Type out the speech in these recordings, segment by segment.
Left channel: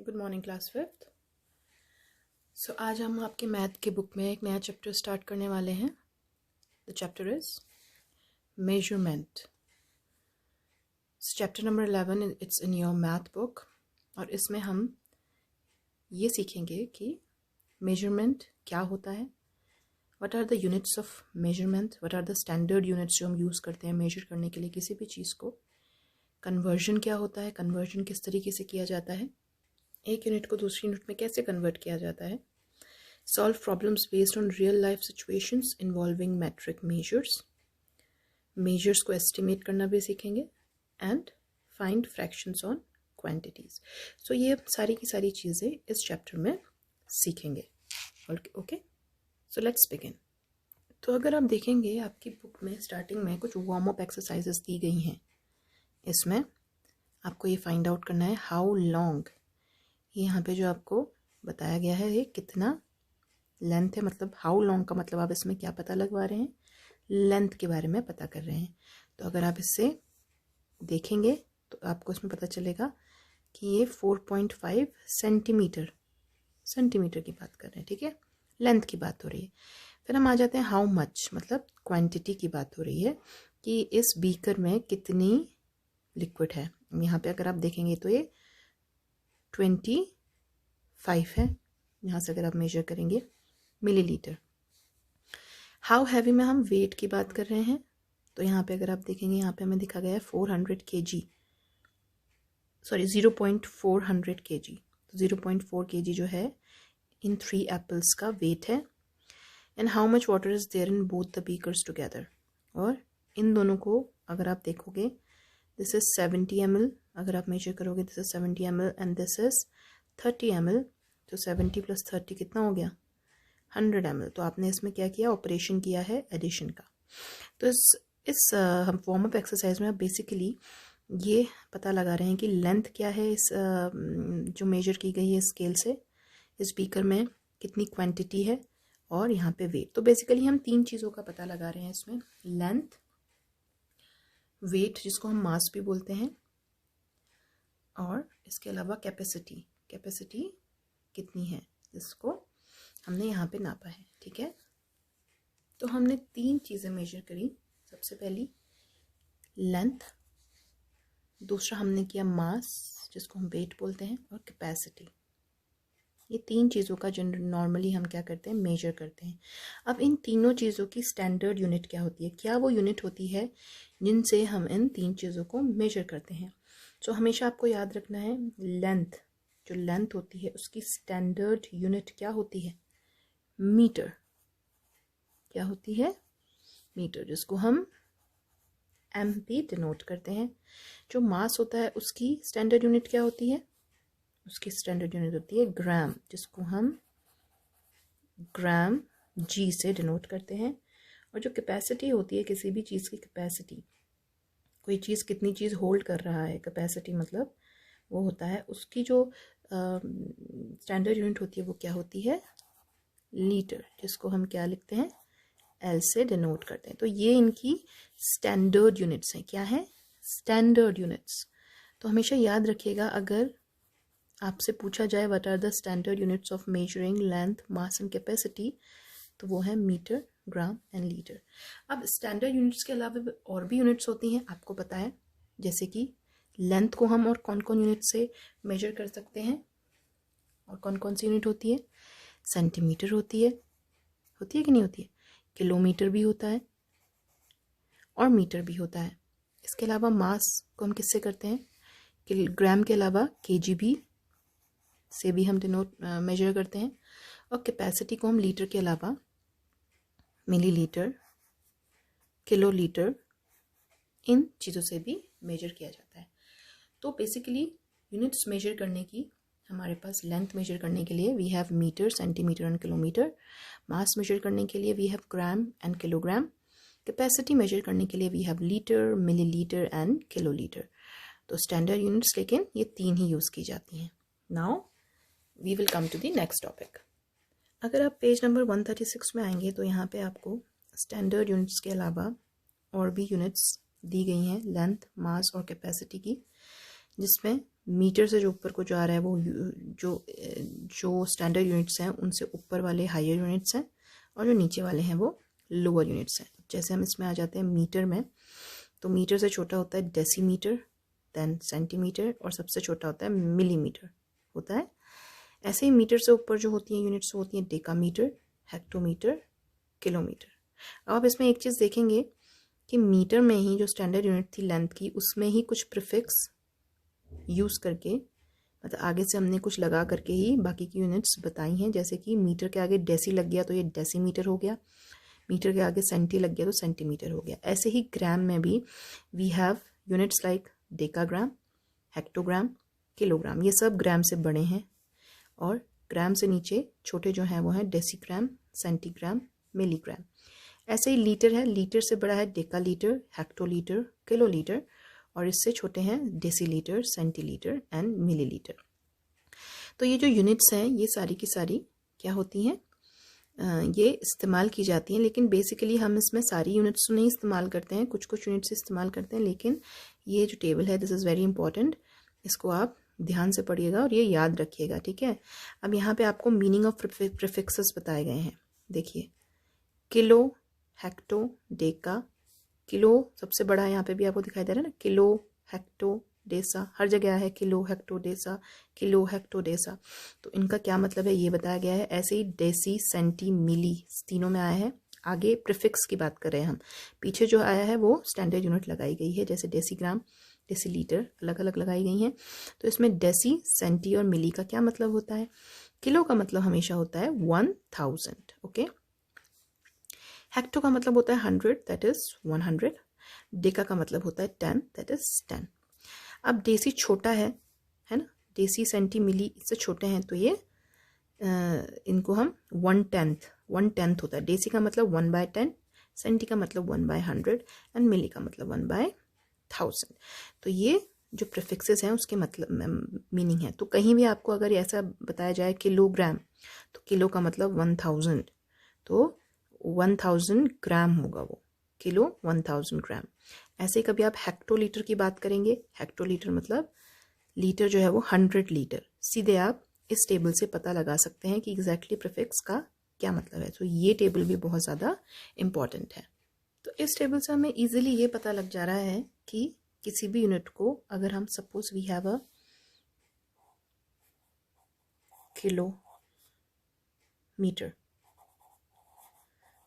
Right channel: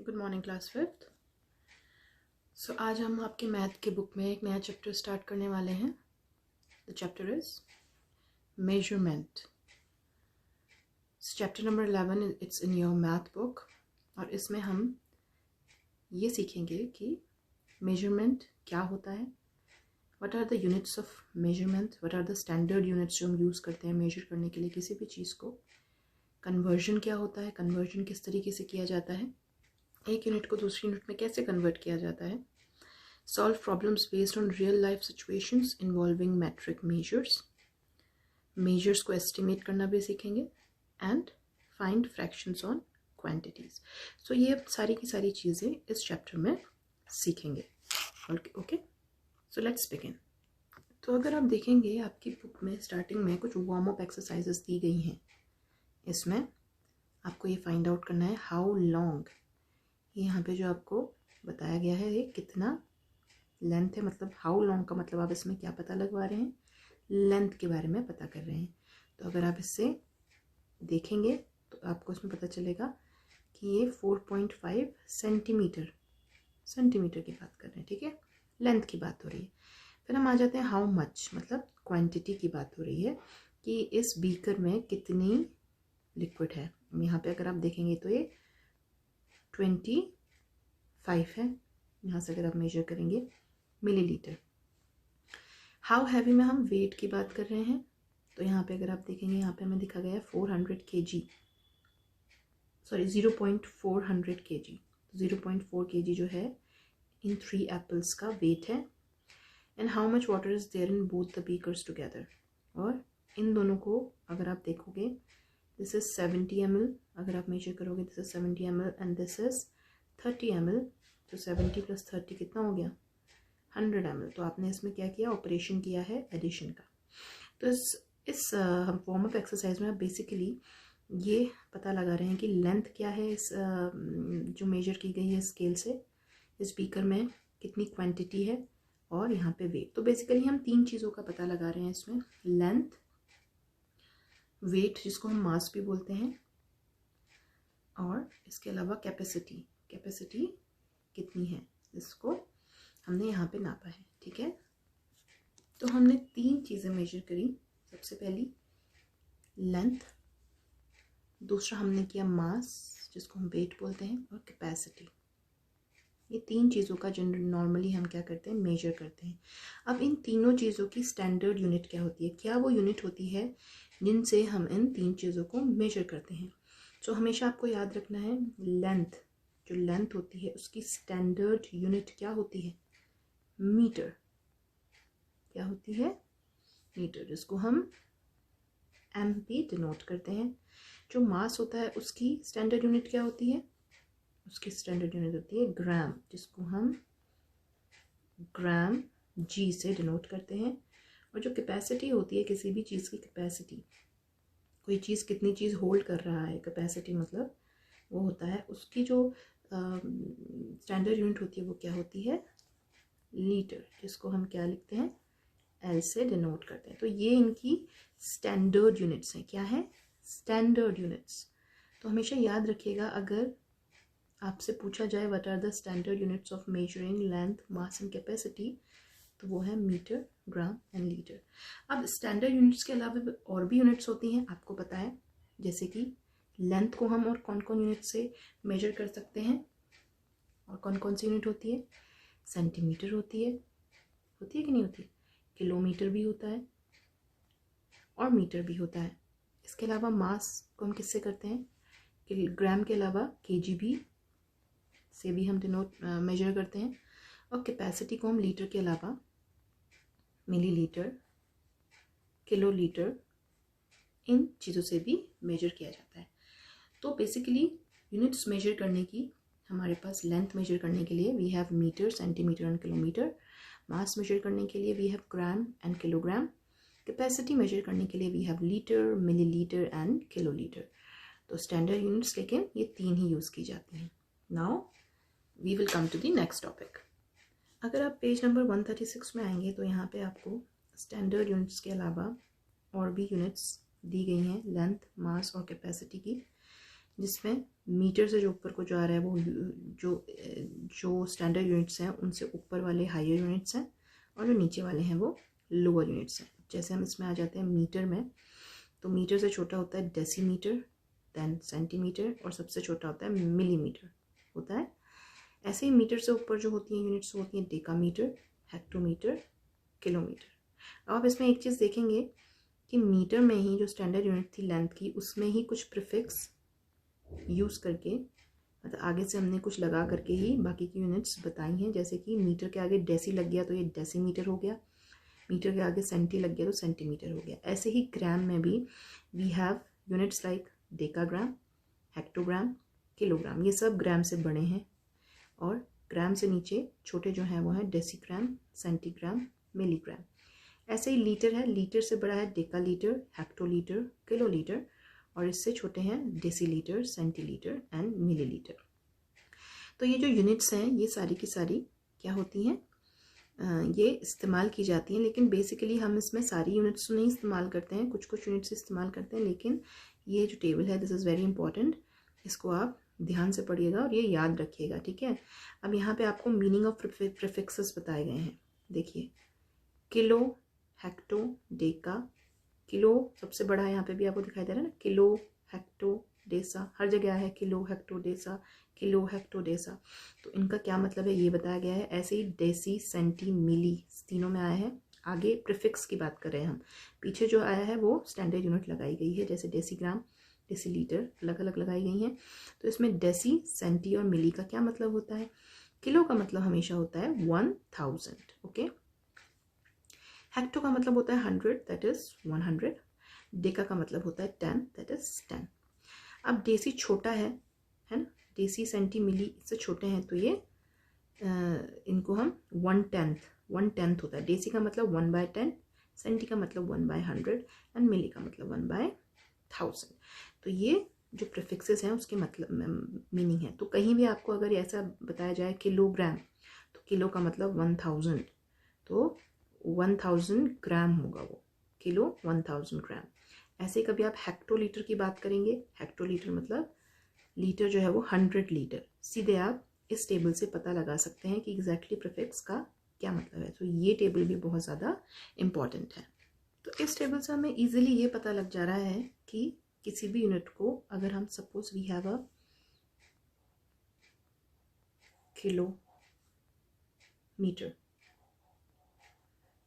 Good morning class fifth. So आज हम आपके मैथ की बुक में एक नया चैप्टर स्टार्ट करने वाले हैं। The chapter is measurement. Chapter number 11 it's in your math book और इसमें हम ये सीखेंगे कि मेजरमेंट क्या होता है, what are the units of measurement, what are the standard units जो हम यूज़ करते हैं मेजर करने के लिए किसी भी चीज़ को। कन्वर्जन क्या होता है, कन्वर्जन किस तरीके से किया जाता है, एक यूनिट को दूसरी यूनिट में कैसे कन्वर्ट किया जाता है, solve problems based on real life situations involving metric measures, measures को estimate करना भी सीखेंगे, and find fractions on quantities. So ये सारी की सारी चीज़ें इस चैप्टर में सीखेंगे। Okay, so let's begin. तो अगर आप देखेंगे आपकी बुक में स्टार्टिंग में कुछ वार्म अप एक्सरसाइजेस दी गई हैं। इसमें आपको ये फाइंड आउट करना है हाउ लॉन्ग, यहाँ पे जो आपको बताया गया है ये कितना लेंथ है, मतलब हाउ लॉन्ग का मतलब आप इसमें क्या पता लगवा रहे हैं, लेंथ के बारे में पता कर रहे हैं। तो अगर आप इससे देखेंगे तो आपको इसमें पता चलेगा कि ये 4.5 सेंटीमीटर की बात कर रहे हैं। ठीक है, लेंथ की बात हो रही है। फिर हम आ जाते हैं हाउ मच, मतलब क्वांटिटी की बात हो रही है कि इस बीकर में कितनी लिक्विड है। यहाँ पे अगर आप देखेंगे तो ये 25 है, यहाँ से अगर आप मेजर करेंगे मिलीलीटर। हाउ हैवी में हम वेट की बात कर रहे हैं। तो यहाँ पे अगर आप देखेंगे यहाँ पे हमें दिखा गया है 400 kg, सॉरी 0.400 kg। तो 0.4 kg जो है इन 3 एप्पल्स का वेट है। And how much water is there in both the beakers together. और इन दोनों को अगर आप देखोगे दिस इज 70 ml, अगर आप मेजर करोगे this is 70 ml and this is 30 ml। तो 70 + 30 कितना हो गया 100 ml। तो आपने इसमें क्या किया, ऑपरेशन किया है एडिशन का। तो इस हम वार्म अप एक्सरसाइज में आप बेसिकली ये पता लगा रहे हैं कि लेंथ क्या है इस जो मेजर की गई है स्केल से, इस बीकर में कितनी क्वांटिटी है और यहाँ पे वेट। तो बेसिकली हम 3 चीज़ों का पता लगा रहे हैं इसमें, लेंथ, वेट जिसको हम मास भी बोलते हैं, और इसके अलावा कैपेसिटी कितनी है जिसको हमने यहाँ पे नापा है। ठीक है, तो हमने 3 चीज़ें मेजर करी। सबसे पहली लेंथ, दूसरा हमने किया मास जिसको हम वेट बोलते हैं, और कैपेसिटी। ये 3 चीज़ों का जो नॉर्मली हम क्या करते हैं मेजर करते हैं। अब इन तीनों चीज़ों की स्टैंडर्ड यूनिट क्या होती है, क्या वो यूनिट होती है जिनसे हम इन 3 चीज़ों को मेजर करते हैं। तो हमेशा आपको याद रखना है लेंथ, जो लेंथ होती है उसकी स्टैंडर्ड यूनिट क्या होती है, मीटर। क्या होती है, मीटर, जिसको हम एम पे डिनोट करते हैं। जो मास होता है उसकी स्टैंडर्ड यूनिट क्या होती है, उसकी स्टैंडर्ड यूनिट होती है ग्राम, जिसको हम ग्राम जी से डिनोट करते हैं। और जो कैपेसिटी होती है किसी भी चीज़ की कैपेसिटी, कोई चीज़ कितनी चीज़ होल्ड कर रहा है, कैपेसिटी मतलब वो होता है उसकी जो स्टैंडर्ड यूनिट होती है वो क्या होती है, लीटर, जिसको हम क्या लिखते हैं एल से डिनोट करते हैं। तो ये इनकी स्टैंडर्ड यूनिट्स हैं। क्या है, स्टैंडर्ड यूनिट्स। तो हमेशा याद रखिएगा अगर आपसे पूछा जाए what are the standard units of measuring length, mass and capacity, तो वो है मीटर, ग्राम एंड लीटर। अब स्टैंडर्ड यूनिट्स के अलावा और भी यूनिट्स होती हैं, आपको पता है, जैसे कि लेंथ को हम और कौन कौन यूनिट से मेजर कर सकते हैं, और कौन कौन सी यूनिट होती है, सेंटीमीटर होती है कि नहीं होती है, किलोमीटर भी होता है और मीटर भी होता है। इसके अलावा मास को हम किससे करते हैं, ग्राम के अलावा केजी भी से भी हम डिनोट मेजर करते हैं। और कैपेसिटी को हम लीटर के अलावा मिलीलीटर, किलोलीटर, इन चीज़ों से भी मेजर किया जाता है। तो बेसिकली यूनिट्स मेजर करने की हमारे पास, लेंथ मेजर करने के लिए we have metre, centimetre and kilometre. Mass measure करने के लिए we have gram and kilogram. Capacity measure करने के लिए we have litre, millilitre and kilolitre. तो स्टैंडर्ड यूनिट्स लेकिन ये 3 ही यूज़ की जाती हैं। Now we will come to the next topic. अगर आप पेज नंबर 136 में आएंगे तो यहाँ पे आपको स्टैंडर्ड यूनिट्स के अलावा और भी यूनिट्स दी गई हैं लेंथ, मास और कैपेसिटी की, जिसमें मीटर से जो ऊपर को जो आ रहा है वो जो स्टैंडर्ड यूनिट्स हैं उनसे ऊपर वाले हायर यूनिट्स हैं, और जो नीचे वाले हैं वो लोअर यूनिट्स हैं। जैसे हम इसमें आ जाते हैं मीटर में, तो मीटर से छोटा होता है डेसीमीटर, देन सेंटीमीटर, और सबसे छोटा होता है मिलीमीटर होता है। ऐसे ही मीटर से ऊपर जो होती हैं यूनिट्स होती हैं डेकामीटर, हेक्टोमीटर, किलोमीटर। अब आप इसमें एक चीज़ देखेंगे कि मीटर में ही जो स्टैंडर्ड यूनिट थी लेंथ की, उसमें ही कुछ प्रीफिक्स यूज़ करके, मतलब आगे से हमने कुछ लगा करके ही बाकी की यूनिट्स बताई हैं। जैसे कि मीटर के आगे डेसी लग गया तो ये डेसीमीटर हो गया, मीटर के आगे सेंटी लग गया तो सेंटीमीटर हो गया। ऐसे ही ग्राम में भी we have units like decagram, hectogram, kilogram. ये सब ग्राम से बड़े हैं, और ग्राम से नीचे छोटे जो हैं वो हैं डेसीग्राम, सेंटीग्राम, मिलीग्राम। ऐसे ही लीटर है, लीटर से बड़ा है डेकालीटर, हेक्टोलीटर, किलोलीटर, और इससे छोटे हैं डेसीलीटर, सेंटीलीटर एंड मिलीलीटर। तो ये जो यूनिट्स हैं ये सारी की सारी क्या होती हैं, ये इस्तेमाल की जाती हैं। लेकिन बेसिकली हम इसमें सारी यूनिट्स तो नहीं इस्तेमाल करते हैं, कुछ कुछ यूनिट्स इस्तेमाल करते हैं। लेकिन ये जो टेबल है दिस इज़ वेरी इंपॉर्टेंट, इसको आप ध्यान से पढ़िएगा और ये याद रखिएगा, ठीक है। अब यहाँ पे आपको मीनिंग ऑफ प्रीफिक्सेस बताए गए हैं। देखिए, किलो, हेक्टो, डेका। किलो सबसे बड़ा है, यहाँ पे भी आपको दिखाई दे रहा है ना, किलो, हेक्टो, डेसा, हर जगह है kilo, hecto, Desa, kilo, hecto, Desa. तो इनका क्या मतलब है ये बताया गया है। ऐसे ही डेसी, सेंटी, मिली तीनों में आया है। आगे प्रीफिक्स की बात कर रहे हैं हम, पीछे जो आया है वो स्टैंडर्ड यूनिट लगाई गई है, जैसे डेसीग्राम, डेसीलीटर अलग अलग लगाई गई हैं। तो इसमें डेसी, सेंटी और मिली का क्या मतलब होता है। किलो का मतलब हमेशा होता है 1000, ओके। हेक्टो का मतलब होता है 100, दैट इज 100। डेका का मतलब होता है 10, दैट इज 10। अब डेसी छोटा है ना, डेसी, सेंटी, मिली इससे छोटे हैं, तो ये इनको हम 1/10 होता है। डेसी का मतलब 1/10, सेंटी का मतलब 1/100 एंड मिली का मतलब 1/1000। तो ये जो प्रीफिक्सेस हैं उसके मतलब मीनिंग है। तो कहीं भी आपको अगर ऐसा बताया जाए किलोग्राम, तो किलो का मतलब 1000, तो 1000 ग्राम होगा वो, किलो 1000 ग्राम। ऐसे कभी आप हेक्टोलीटर की बात करेंगे, हेक्टोलीटर मतलब लीटर जो है वो 100 लीटर। सीधे आप इस टेबल से पता लगा सकते हैं कि एग्जैक्टली प्रीफिक्स का क्या मतलब है। तो ये टेबल भी बहुत ज़्यादा इम्पॉर्टेंट है। तो इस टेबल से हमें इजीली ये पता लग जा रहा है कि किसी भी यूनिट को अगर हम suppose we have a kilometre,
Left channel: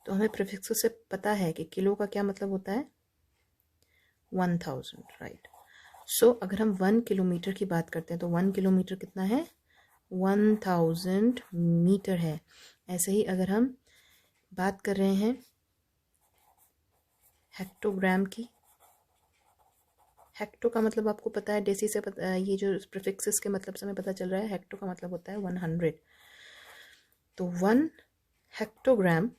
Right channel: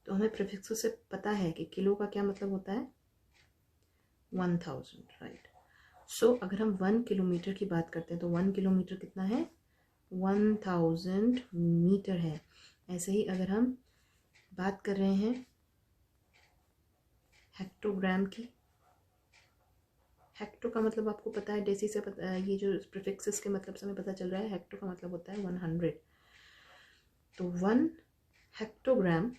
तो हमें प्रीफिक्स से पता है कि किलो का क्या मतलब होता है 1000, राइट। सो अगर हम 1 किलोमीटर की बात करते हैं तो 1 किलोमीटर कितना है 1000 मीटर है। ऐसे ही अगर हम बात कर रहे हैं हेक्टोग्राम की, हेक्टो का मतलब आपको पता है डेसी से पता, ये जो प्रीफिक्सेस के मतलब से हमें पता चल रहा है, हेक्टो का मतलब होता है 100। तो 1 हेक्टोग्राम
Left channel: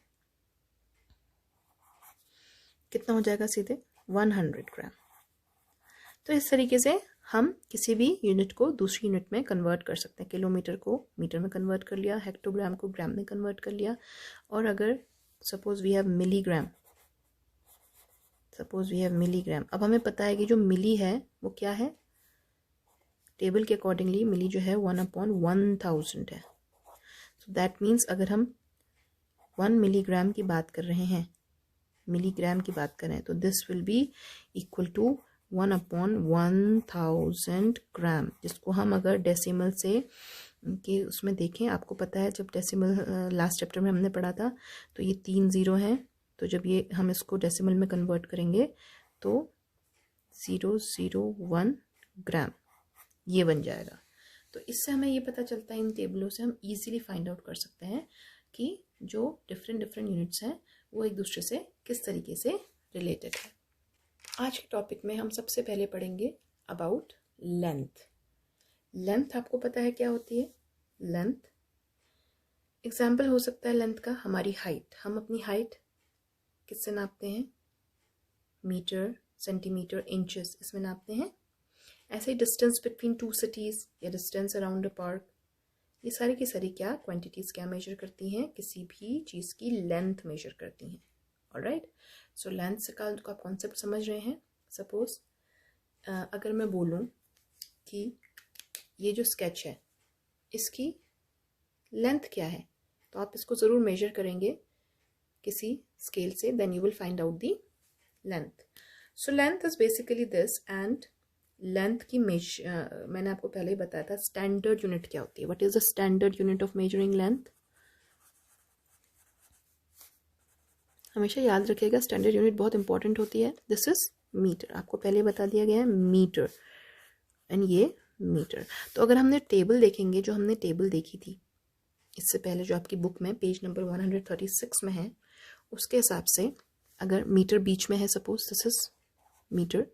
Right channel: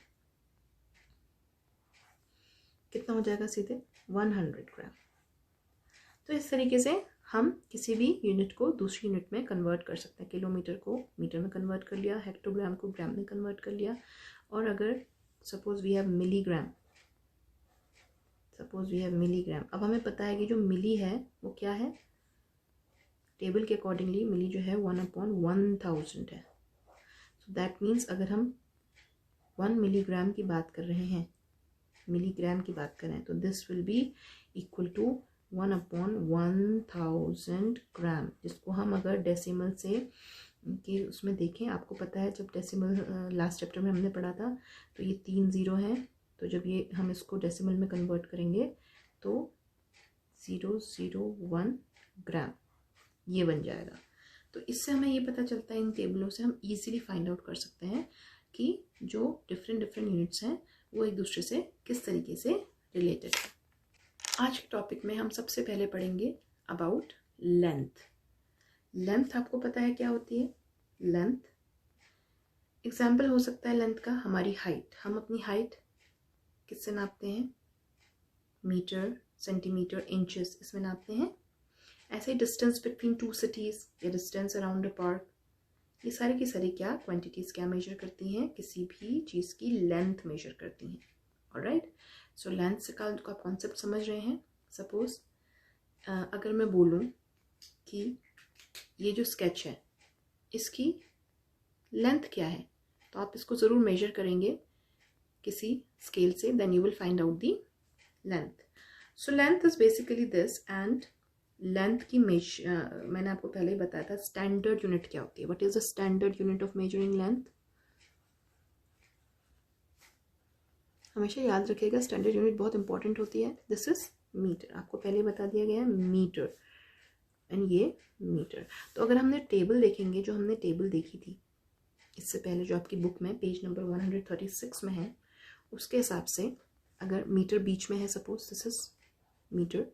कितना हो जाएगा सीधे 100 ग्राम। तो इस तरीके से हम किसी भी यूनिट को दूसरी यूनिट में कन्वर्ट कर सकते हैं। किलोमीटर को मीटर में कन्वर्ट कर लिया, हेक्टोग्राम को ग्राम में कन्वर्ट कर लिया। और अगर सपोज वी हैव मिलीग्राम, अब हमें पता है कि जो मिली है वो क्या है, टेबल के अकॉर्डिंगली मिली जो है 1/1000 है। सो दैट मीन्स अगर हम 1 मिलीग्राम की बात कर रहे हैं, मिलीग्राम की बात करें, तो this will be equal to 1/1000 gram, जिसको हम अगर डेसिमल से कि उसमें देखें, आपको पता है जब डेसिमल लास्ट चैप्टर में हमने पढ़ा था तो ये 3 ज़ीरो हैं, तो जब ये हम इसको डेसिमल में कन्वर्ट करेंगे तो 001 ग्राम ये बन जाएगा। तो इससे हमें ये पता चलता है, इन टेबलों से हम इजीली फाइंड आउट कर सकते हैं कि जो डिफरेंट यूनिट्स हैं वो एक दूसरे से किस तरीके से रिलेटेड है। आज के टॉपिक में हम सबसे पहले पढ़ेंगे अबाउट लेंथ। लेंथ आपको पता है क्या होती है। लेंथ एग्जाम्पल हो सकता है लेंथ का हमारी हाइट, हम अपनी हाइट किससे नापते हैं, मीटर, सेंटीमीटर, इंचेस इसमें नापते हैं। ऐसे ही डिस्टेंस बिटवीन 2 सिटीज़ या डिस्टेंस अराउंड अ पार्क, ये सारी की सारी क्या क्वांटिटीज़ क्या मेजर करती हैं, किसी भी चीज़ की लेंथ मेजर करती हैं। ऑलराइट, सो लेंथ से का आप कॉन्सेप्ट समझ रहे हैं। सपोज अगर मैं बोलूँ कि ये जो स्केच है इसकी लेंथ क्या है, तो आप इसको ज़रूर मेजर करेंगे किसी स्केल से, then you will find out the length. So length is basically this. And length की मैंने आपको पहले ही बताया था स्टैंडर्ड यूनिट क्या होती है. What is the standard unit of measuring length? हमेशा याद रखिएगा स्टैंडर्ड यूनिट बहुत इंपॉर्टेंट होती है. दिस इज मीटर, आपको पहले बता दिया गया है मीटर, एंड ये मीटर. तो अगर हमने टेबल देखेंगे, जो हमने टेबल देखी थी इससे पहले, जो आपकी बुक में पेज नंबर 136 में है, उसके हिसाब से अगर मीटर बीच में है, सपोज दिस इज मीटर,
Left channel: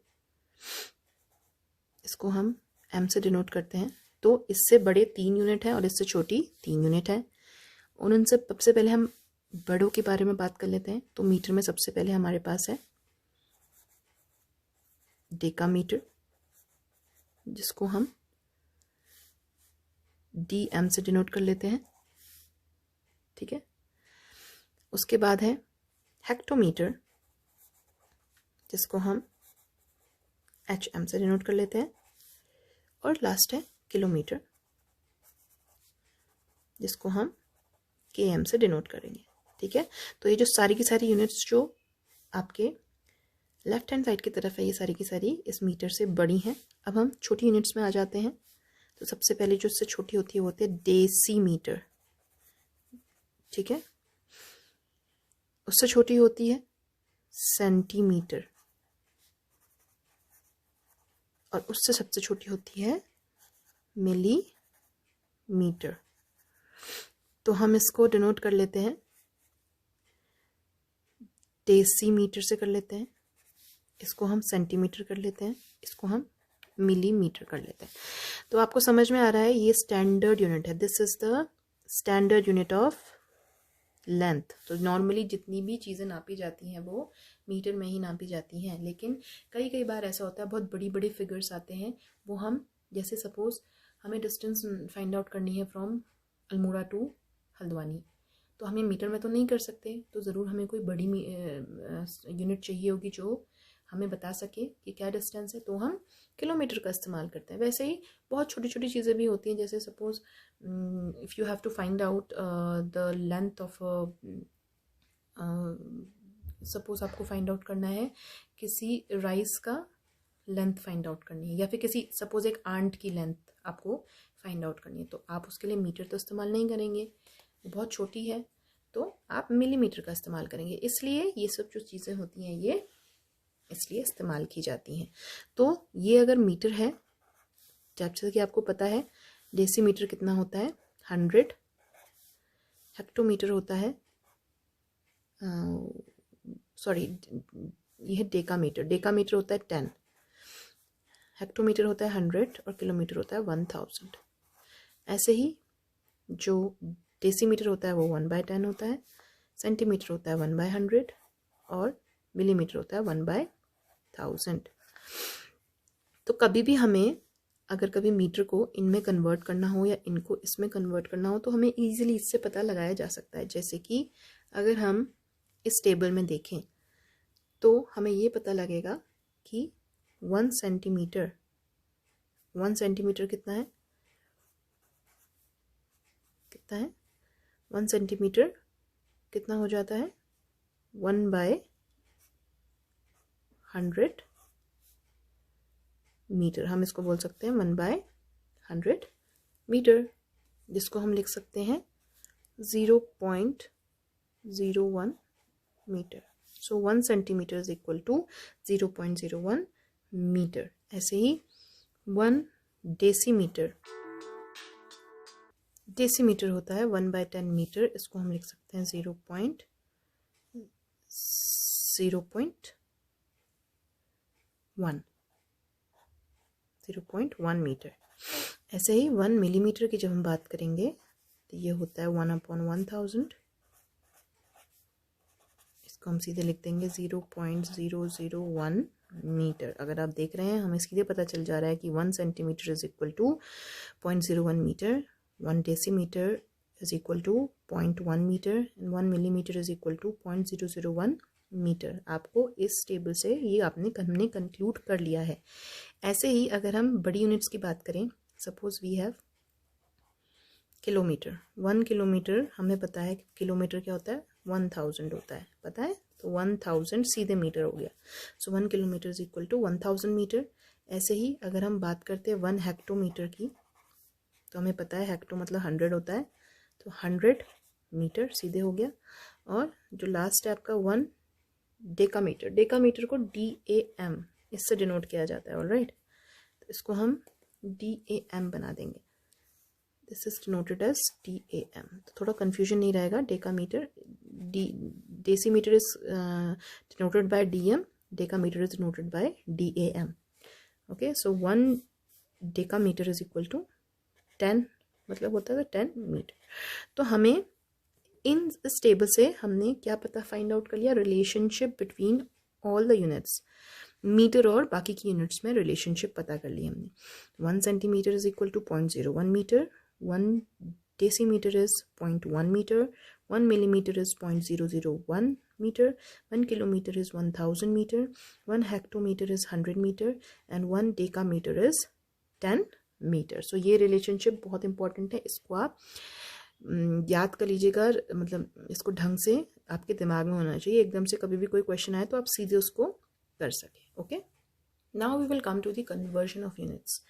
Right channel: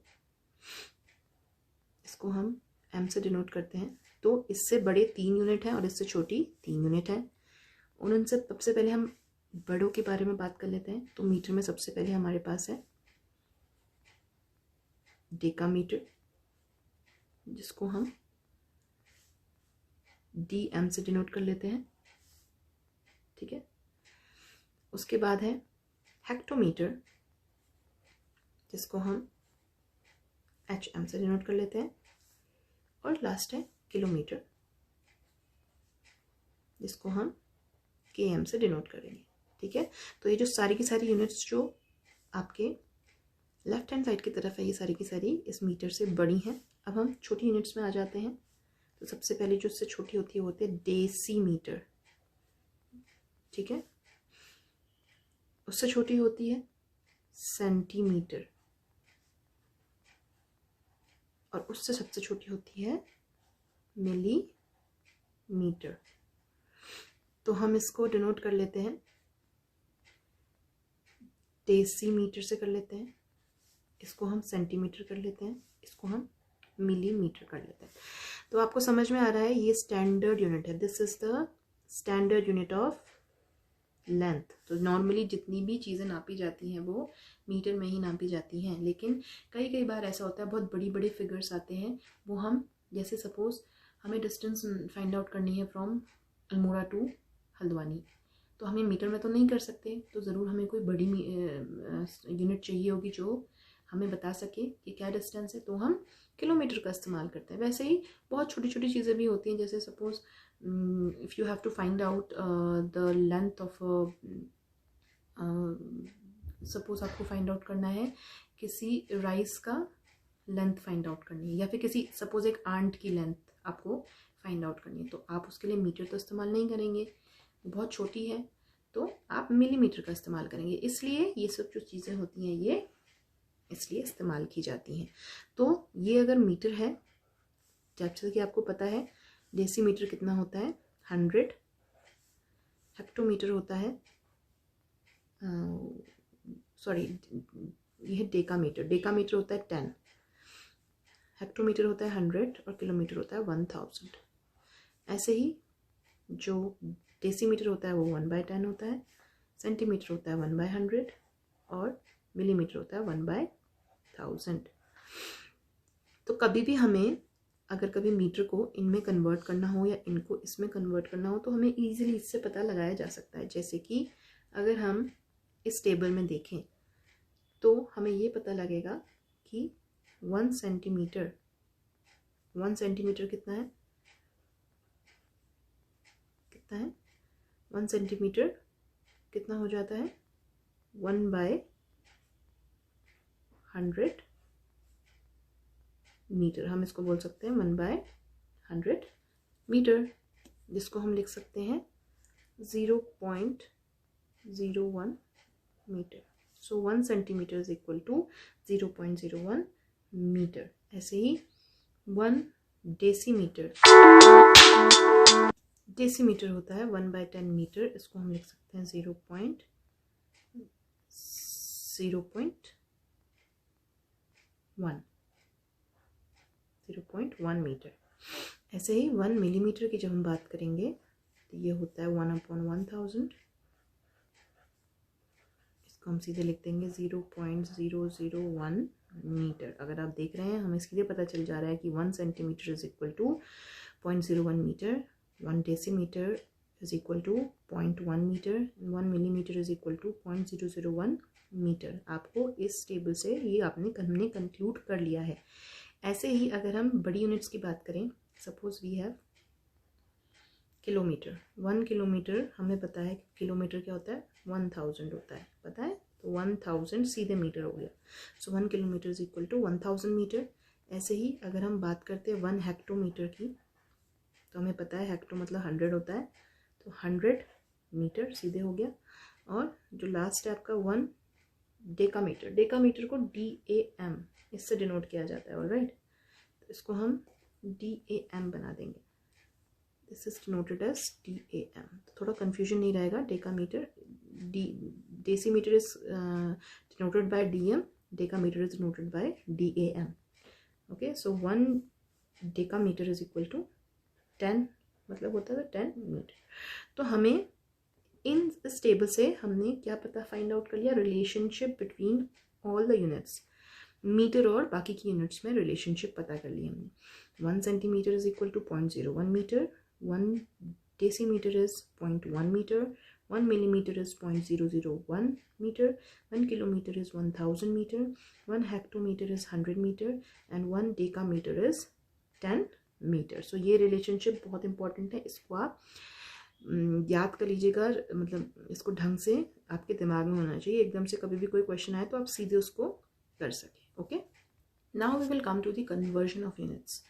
इसको हम एम से डिनोट करते हैं. तो इससे बड़े 3 यूनिट हैं और इससे छोटी 3 यूनिट है. उनसे सबसे पहले हम बड़ों के बारे में बात कर लेते हैं. तो मीटर में सबसे पहले हमारे पास है डेकामीटर, जिसको हम डी एम से डिनोट कर लेते हैं. ठीक है. उसके बाद है हेक्टोमीटर, जिसको हम एच एम से डिनोट कर लेते हैं. और लास्ट है किलोमीटर, जिसको हम के एम से डिनोट करेंगे. ठीक है. तो ये जो सारी की सारी यूनिट्स जो आपके लेफ्ट हैंड साइड की तरफ है, ये सारी की सारी इस मीटर से बड़ी हैं. अब हम छोटी यूनिट्स में आ जाते हैं. तो सबसे पहले जो इससे छोटी होती है वो होती है डेसीमीटर. ठीक है. उससे छोटी होती है सेंटीमीटर, और उससे सबसे छोटी होती है मिलीमीटर. तो हम इसको डिनोट कर लेते हैं डेसीमीटर से कर लेते हैं, इसको हम सेंटीमीटर कर लेते हैं, इसको हम मिलीमीटर कर लेते हैं. तो आपको समझ में आ रहा है ये स्टैंडर्ड यूनिट है. This is the standard unit of length. तो नॉर्मली जितनी भी चीज़ें नापी जाती हैं वो मीटर में ही नापी जाती हैं. लेकिन कई बार ऐसा होता है बहुत बड़ी बड़ी फिगर्स आते हैं, वो हम जैसे सपोज हमें डिस्टेंस फाइंड आउट करनी है फ्रॉम अल्मोड़ा टू हल्द्वानी, तो हम ये मीटर में तो नहीं कर सकते. तो ज़रूर हमें कोई बड़ी यूनिट चाहिए होगी जो हमें बता सके कि क्या डिस्टेंस है. तो हम किलोमीटर का इस्तेमाल करते हैं. वैसे ही बहुत छोटी छोटी चीज़ें भी होती हैं, जैसे suppose if you have to find out the length of, suppose आपको फाइंड आउट करना है किसी राइस का लेंथ फाइंड आउट करनी है, या फिर किसी सपोज एक आंट की लेंथ आपको फाइंड आउट करनी है, तो आप उसके लिए मीटर तो इस्तेमाल नहीं करेंगे, बहुत छोटी है, तो आप मिलीमीटर का इस्तेमाल करेंगे. इसलिए ये सब जो चीज़ें होती हैं ये इसलिए इस्तेमाल की जाती हैं. तो ये अगर मीटर है, जैसे कि आपको पता है डेसीमीटर कितना होता है 100, हेक्टोमीटर होता है सॉरी ये है डेकामीटर. डेकामीटर होता है 10, हेक्टोमीटर होता है 100 और किलोमीटर होता है 1000. ऐसे ही जो डेसीमीटर होता है वो 1/10 होता है, सेंटीमीटर होता है 1/100 और मिलीमीटर होता है 1/1000. तो कभी भी हमें अगर कभी मीटर को इनमें कन्वर्ट करना हो या इनको इसमें कन्वर्ट करना हो तो हमें ईजिली इससे पता लगाया जा सकता है. जैसे कि अगर हम इस टेबल में देखें तो हमें ये पता लगेगा कि 1 सेंटीमीटर कितना है, 1 सेंटीमीटर कितना हो जाता है 1/100 मीटर. हम इसको बोल सकते हैं 1/100 मीटर, जिसको हम लिख सकते हैं 0.01 metre. So 1 centimetre is equal to 0.01 metre. ऐसे ही 1 डेसीमीटर होता है 1/10 मीटर. इसको हम लिख सकते हैं 0.1 मीटर. ऐसे ही 1 मिलीमीटर की जब हम बात करेंगे तो ये होता है 1/1000. इसको हम सीधे लिख देंगे 0.001 मीटर. अगर आप देख रहे हैं हमें सीधे पता चल जा रहा है कि 1 centimetre is equal to 0.01 metre, 1 decimetre is equal to 0.1 metre and 1 millimetre is equal to 0.001 metre. आपको इस टेबल से ये हमने कंक्लूड कर लिया है. ऐसे ही अगर हम बड़ी यूनिट्स की बात करें, suppose we have kilometre. 1 kilometre हमें पता है किलोमीटर क्या होता है, 1000 होता है, पता है, तो 1000 सीधे मीटर हो गया। So 1 kilometre is equal to 1000 metre. ऐसे ही अगर हम बात करते हैं 1 हेक्टोमीटर की, तो हमें पता है हेक्टो मतलब 100 होता है, तो 100 मीटर सीधे हो गया। और जो लास्ट है आपका 1 डेकामीटर, डेकामीटर को DAM इससे डिनोट किया जाता है, ऑलराइट, तो इसको हम DAM बना देंगे, this is denoted as DAM, तो थोड़ा कन्फ्यूजन नहीं रहेगा। Decametre, decimetre is denoted by DM, decametre is denoted by DAM। Okay, so 1 decametre is equal to 10, मतलब होता है 10 मीटर। तो हमें इन इस टेबल से हमने क्या पता फाइंड आउट कर लिया, relationship between all the units, metre और बाकी की यूनिट्स में रिलेशनशिप पता कर ली हमने। 1 centimetre is equal to 0.01 metre, 1 decimetre is 0.1 metre, 1 millimetre is 0.001 metre, 1 kilometre is 1000 metre, 1 hectometre is 100 metre and 1 decametre is 10 metre. So ये रिलेशनशिप बहुत इंपॉर्टेंट है, इसको आप याद कर लीजिएगा, मतलब इसको ढंग से आपके दिमाग में होना चाहिए, एकदम से कभी भी कोई क्वेश्चन आए तो आप सीधे उसको कर सकें। Okay, now we will come to the conversion of units.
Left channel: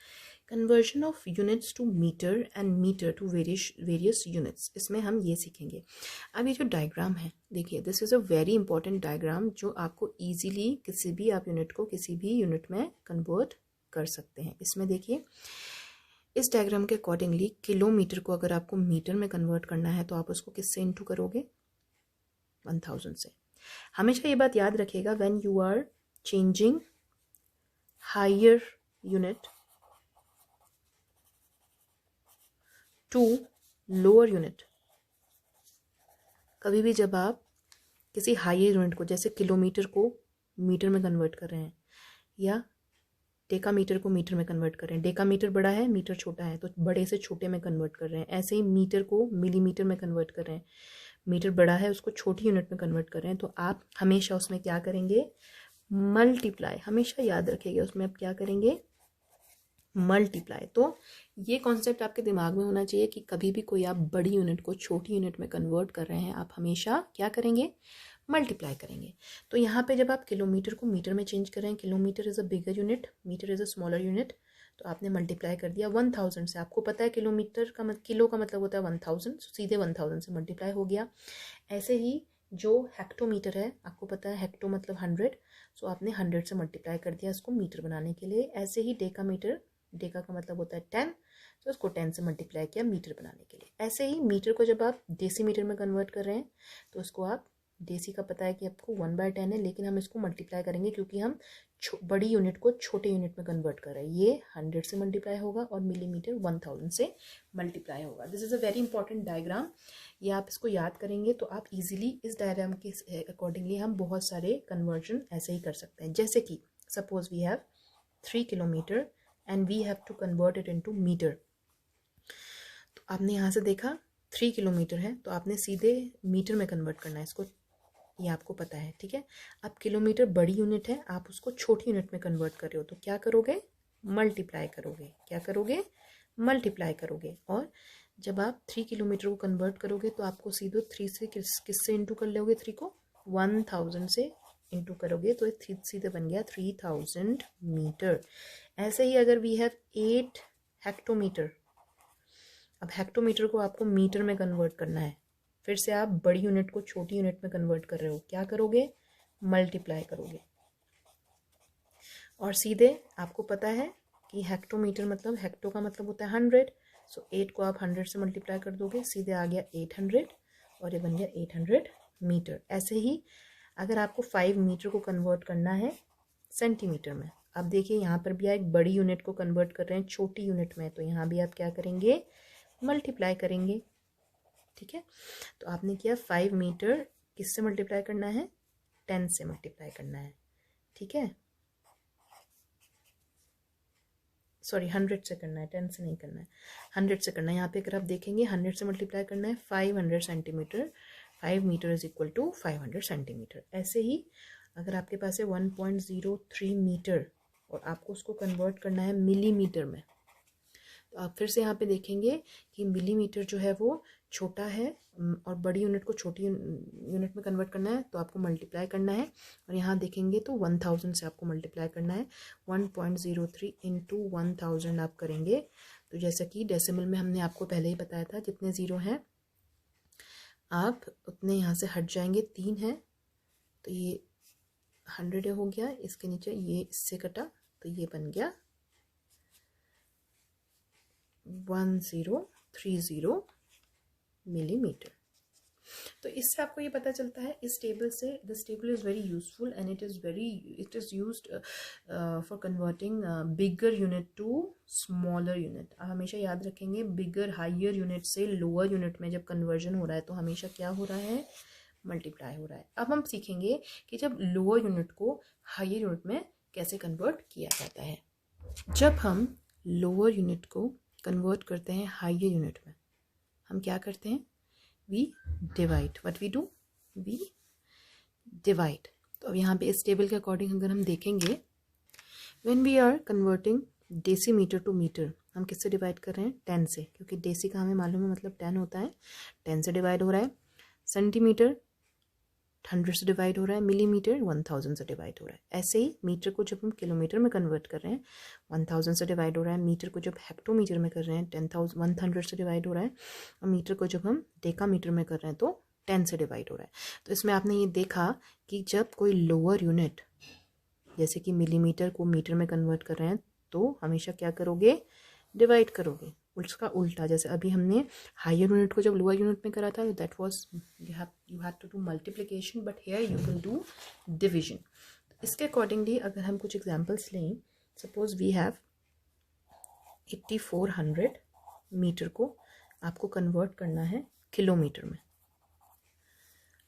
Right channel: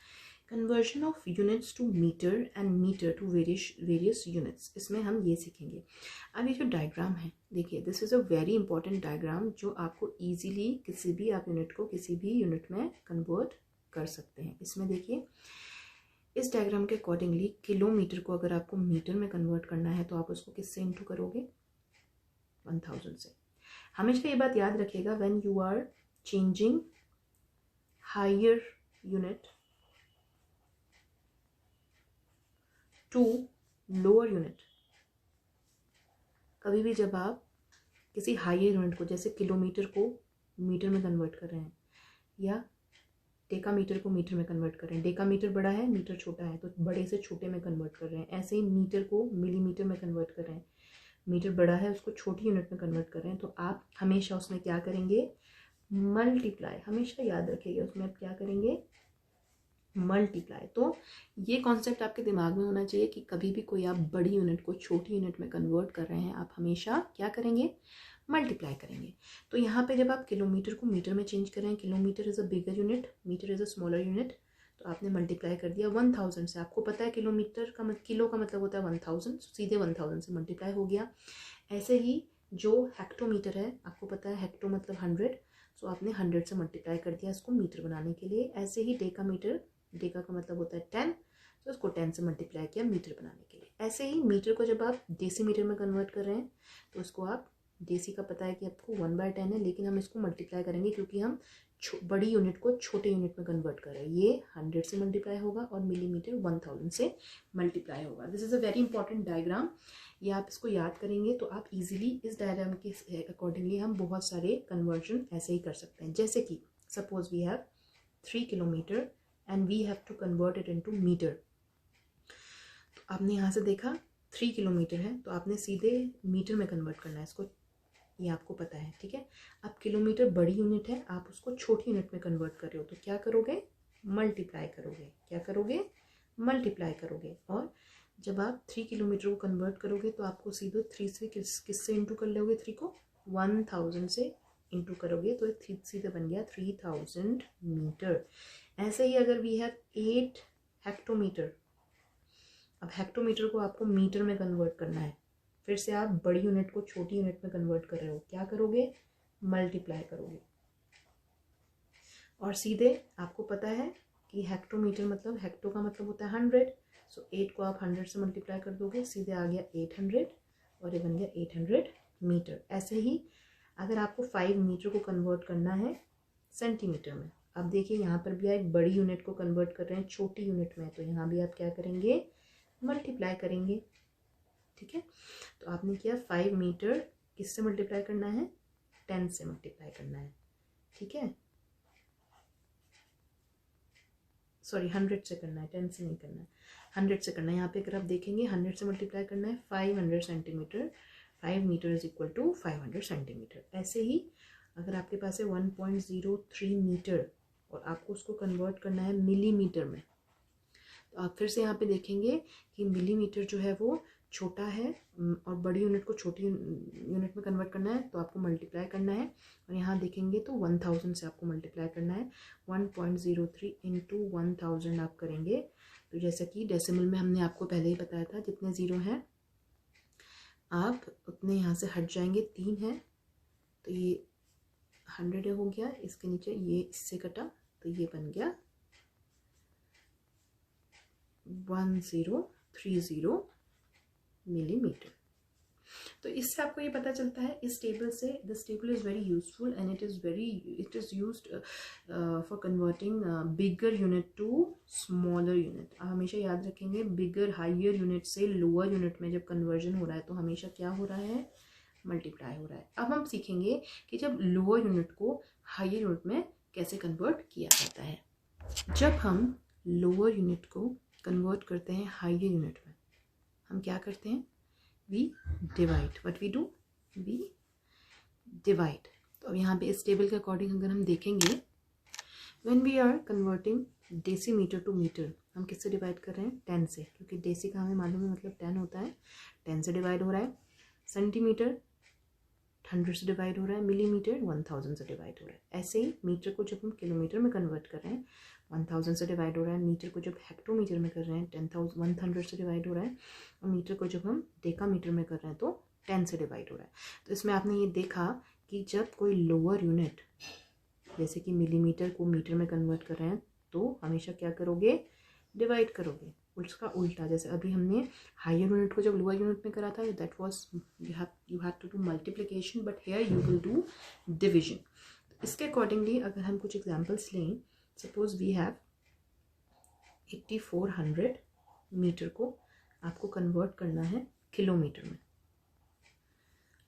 Conversion of units to metre and metre to various units, इसमें हम ये सीखेंगे। अब ये जो डायग्राम है, देखिए this is a very important diagram जो आपको ईजिली किसी भी आप यूनिट को किसी भी यूनिट में कन्वर्ट कर सकते हैं। इसमें देखिए इस डायग्राम के अकॉर्डिंगली किलोमीटर को अगर आपको मीटर में कन्वर्ट करना है तो आप उसको किससे इनटू करोगे, 1000 से। हमेशा ये बात याद रखिएगा, when you are changing higher unit to lower unit, कभी भी जब आप किसी हायर यूनिट को, जैसे किलोमीटर को मीटर में कन्वर्ट कर रहे हैं या डेकामीटर को मीटर में कन्वर्ट कर रहे हैं, डेकामीटर बड़ा है मीटर छोटा है तो बड़े से छोटे में कन्वर्ट कर रहे हैं, ऐसे ही मीटर को मिलीमीटर में कन्वर्ट कर रहे हैं, मीटर बड़ा है उसको छोटी यूनिट में कन्वर्ट कर रहे हैं, तो आप हमेशा उसमें क्या करेंगे, मल्टीप्लाई, हमेशा याद रखिएगा उसमें आप क्या करेंगे, मल्टीप्लाई। तो ये कॉन्सेप्ट आपके दिमाग में होना चाहिए कि कभी भी कोई आप बड़ी यूनिट को छोटी यूनिट में कन्वर्ट कर रहे हैं, आप हमेशा क्या करेंगे, मल्टीप्लाई करेंगे। तो यहाँ पे जब आप किलोमीटर को मीटर में चेंज कर रहे हैं, kilometre is a bigger unit, metre is a smaller unit, तो आपने मल्टीप्लाई कर दिया 1000 से। आपको पता है किलोमीटर का किलो का मतलब होता है 1000, सीधे 1000 से मल्टीप्लाई हो गया। ऐसे ही जो हेक्टोमीटर है, आपको पता है हेक्टो मतलब 100, सो आपने 100 से मल्टीप्लाई कर दिया इसको मीटर बनाने के लिए। ऐसे ही डेकामीटर, डेका का मतलब होता है 10, तो उसको 10 से मल्टीप्लाई किया मीटर बनाने के लिए। ऐसे ही मीटर को जब आप डेसीमीटर में कन्वर्ट कर रहे हैं तो उसको आप, डेसी का पता है कि आपको 1/10 है, लेकिन हम इसको मल्टीप्लाई करेंगे क्योंकि हम बड़ी यूनिट को छोटे यूनिट में कन्वर्ट कर रहे हैं। ये 100 से मल्टीप्लाई होगा और मिलीमीटर 1000 से मल्टीप्लाई होगा। This is a very important diagram, ये आप इसको याद करेंगे तो आप इजीली इस डायग्राम के अकॉर्डिंगली हम बहुत सारे कन्वर्जन ऐसे ही कर सकते हैं। जैसे कि suppose we have 3 kilometre and we have to convert it into metre. तो आपने यहाँ से देखा 3 किलोमीटर है तो आपने सीधे मीटर में कन्वर्ट करना है इसको, ये आपको पता है, ठीक है। अब किलोमीटर बड़ी यूनिट है, आप उसको छोटी यूनिट में कन्वर्ट कर रहे हो तो क्या करोगे, मल्टीप्लाई करोगे, क्या करोगे, मल्टीप्लाई करोगे। और जब आप 3 किलोमीटर को कन्वर्ट करोगे तो आपको सीधे 3 से किससे इंटू कर लोगे, 3 को 1000 से इंटू करोगे तो ये सीधे बन गया 3000 मीटर। ऐसे ही अगर वी हैव 8 हेक्टोमीटर, अब हेक्टोमीटर को आपको मीटर में कन्वर्ट करना है, फिर से आप बड़ी यूनिट को छोटी यूनिट में कन्वर्ट कर रहे हो, क्या करोगे, मल्टीप्लाई करोगे। और सीधे आपको पता है कि हेक्टोमीटर मतलब, हेक्टो का मतलब होता है 100, सो 8 को आप 100 से मल्टीप्लाई कर दोगे, सीधे आ गया 800 और ये बन गया 800 मीटर। ऐसे ही अगर आपको 5 मीटर को कन्वर्ट करना है सेंटीमीटर में, अब देखिए यहाँ पर भी एक बड़ी यूनिट को कन्वर्ट कर रहे हैं छोटी यूनिट में, तो यहाँ भी आप क्या करेंगे, मल्टीप्लाई करेंगे, ठीक है। तो आपने किया 5 मीटर किससे मल्टीप्लाई करना है, 10 से मल्टीप्लाई करना है, ठीक है, सॉरी 100 से करना है, 10 से नहीं करना है, 100 से करना है। यहाँ पे अगर आप देखेंगे 100 से मल्टीप्लाई करना है, 500 centimetre, 5 metre is equal to 500 centimetre. ऐसे ही अगर आपके पास है 1.03 मीटर और आपको उसको कन्वर्ट करना है मिलीमीटर में। तो आप फिर से यहाँ पे देखेंगे कि मिलीमीटर जो है वो छोटा है और बड़ी यूनिट को छोटी यूनिट में कन्वर्ट करना है, तो आपको मल्टीप्लाई करना है। और यहाँ देखेंगे तो 1000 से आपको मल्टीप्लाई करना है। 1.03 इंटू 1000 आप करेंगे। तो जैसा कि डेसिमल में हमने आपको पहले ही बताया था, जितने ज़ीरो हैं आप उतने यहाँ से हट जाएंगे। 3 है तो ये 100 हो गया, इसके नीचे ये इससे कटा तो ये बन गया 1030 मिलीमीटर। तो इससे आपको ये पता चलता है इस टेबल से, this table is very useful and it is used for converting bigger unit to smaller unit. आप हमेशा याद रखेंगे बिगर हायर यूनिट से लोअर यूनिट में जब कन्वर्जन हो रहा है तो हमेशा क्या हो रहा है, मल्टीप्लाई हो रहा है। अब हम सीखेंगे कि जब लोअर यूनिट को हायर यूनिट में कैसे कन्वर्ट किया जाता है। जब हम लोअर यूनिट को कन्वर्ट करते हैं हायर यूनिट में, हम क्या करते हैं, we divide. What we do, we divide. तो अब यहाँ पे इस टेबल के अकॉर्डिंग अगर हम देखेंगे, when we are converting decimetre to metre, हम किससे डिवाइड कर रहे हैं, 10 से, क्योंकि डेसी का हमें मालूम है मतलब 10 होता है। 10 से डिवाइड हो रहा है। सेंटीमीटर 100 से डिवाइड हो रहा है। मिलीमीटर 1000 से डिवाइड हो रहा है। ऐसे ही मीटर को जब हम किलोमीटर में कन्वर्ट कर रहे हैं 1000 से डिवाइड हो रहा है। मीटर को जब हेक्टोमीटर में कर रहे हैं 100 से डिवाइड हो रहा है। और मीटर को जब हम डेकामीटर में कर रहे हैं तो 10 से डिवाइड हो रहा है। तो इसमें आपने ये देखा कि जब कोई लोअर यूनिट जैसे कि मिलीमीटर को मीटर में कन्वर्ट कर रहे हैं तो हमेशा क्या करोगे, डिवाइड करोगे। उसका उल्टा, जैसे अभी हमने हायर यूनिट को जब लोअर यूनिट में करा था, that was you have to do multiplication, but here you will do division. इसके अकॉर्डिंगली अगर हम कुछ एग्जांपल्स लें, सपोज वी हैव 8400 मीटर को आपको कन्वर्ट करना है किलोमीटर में।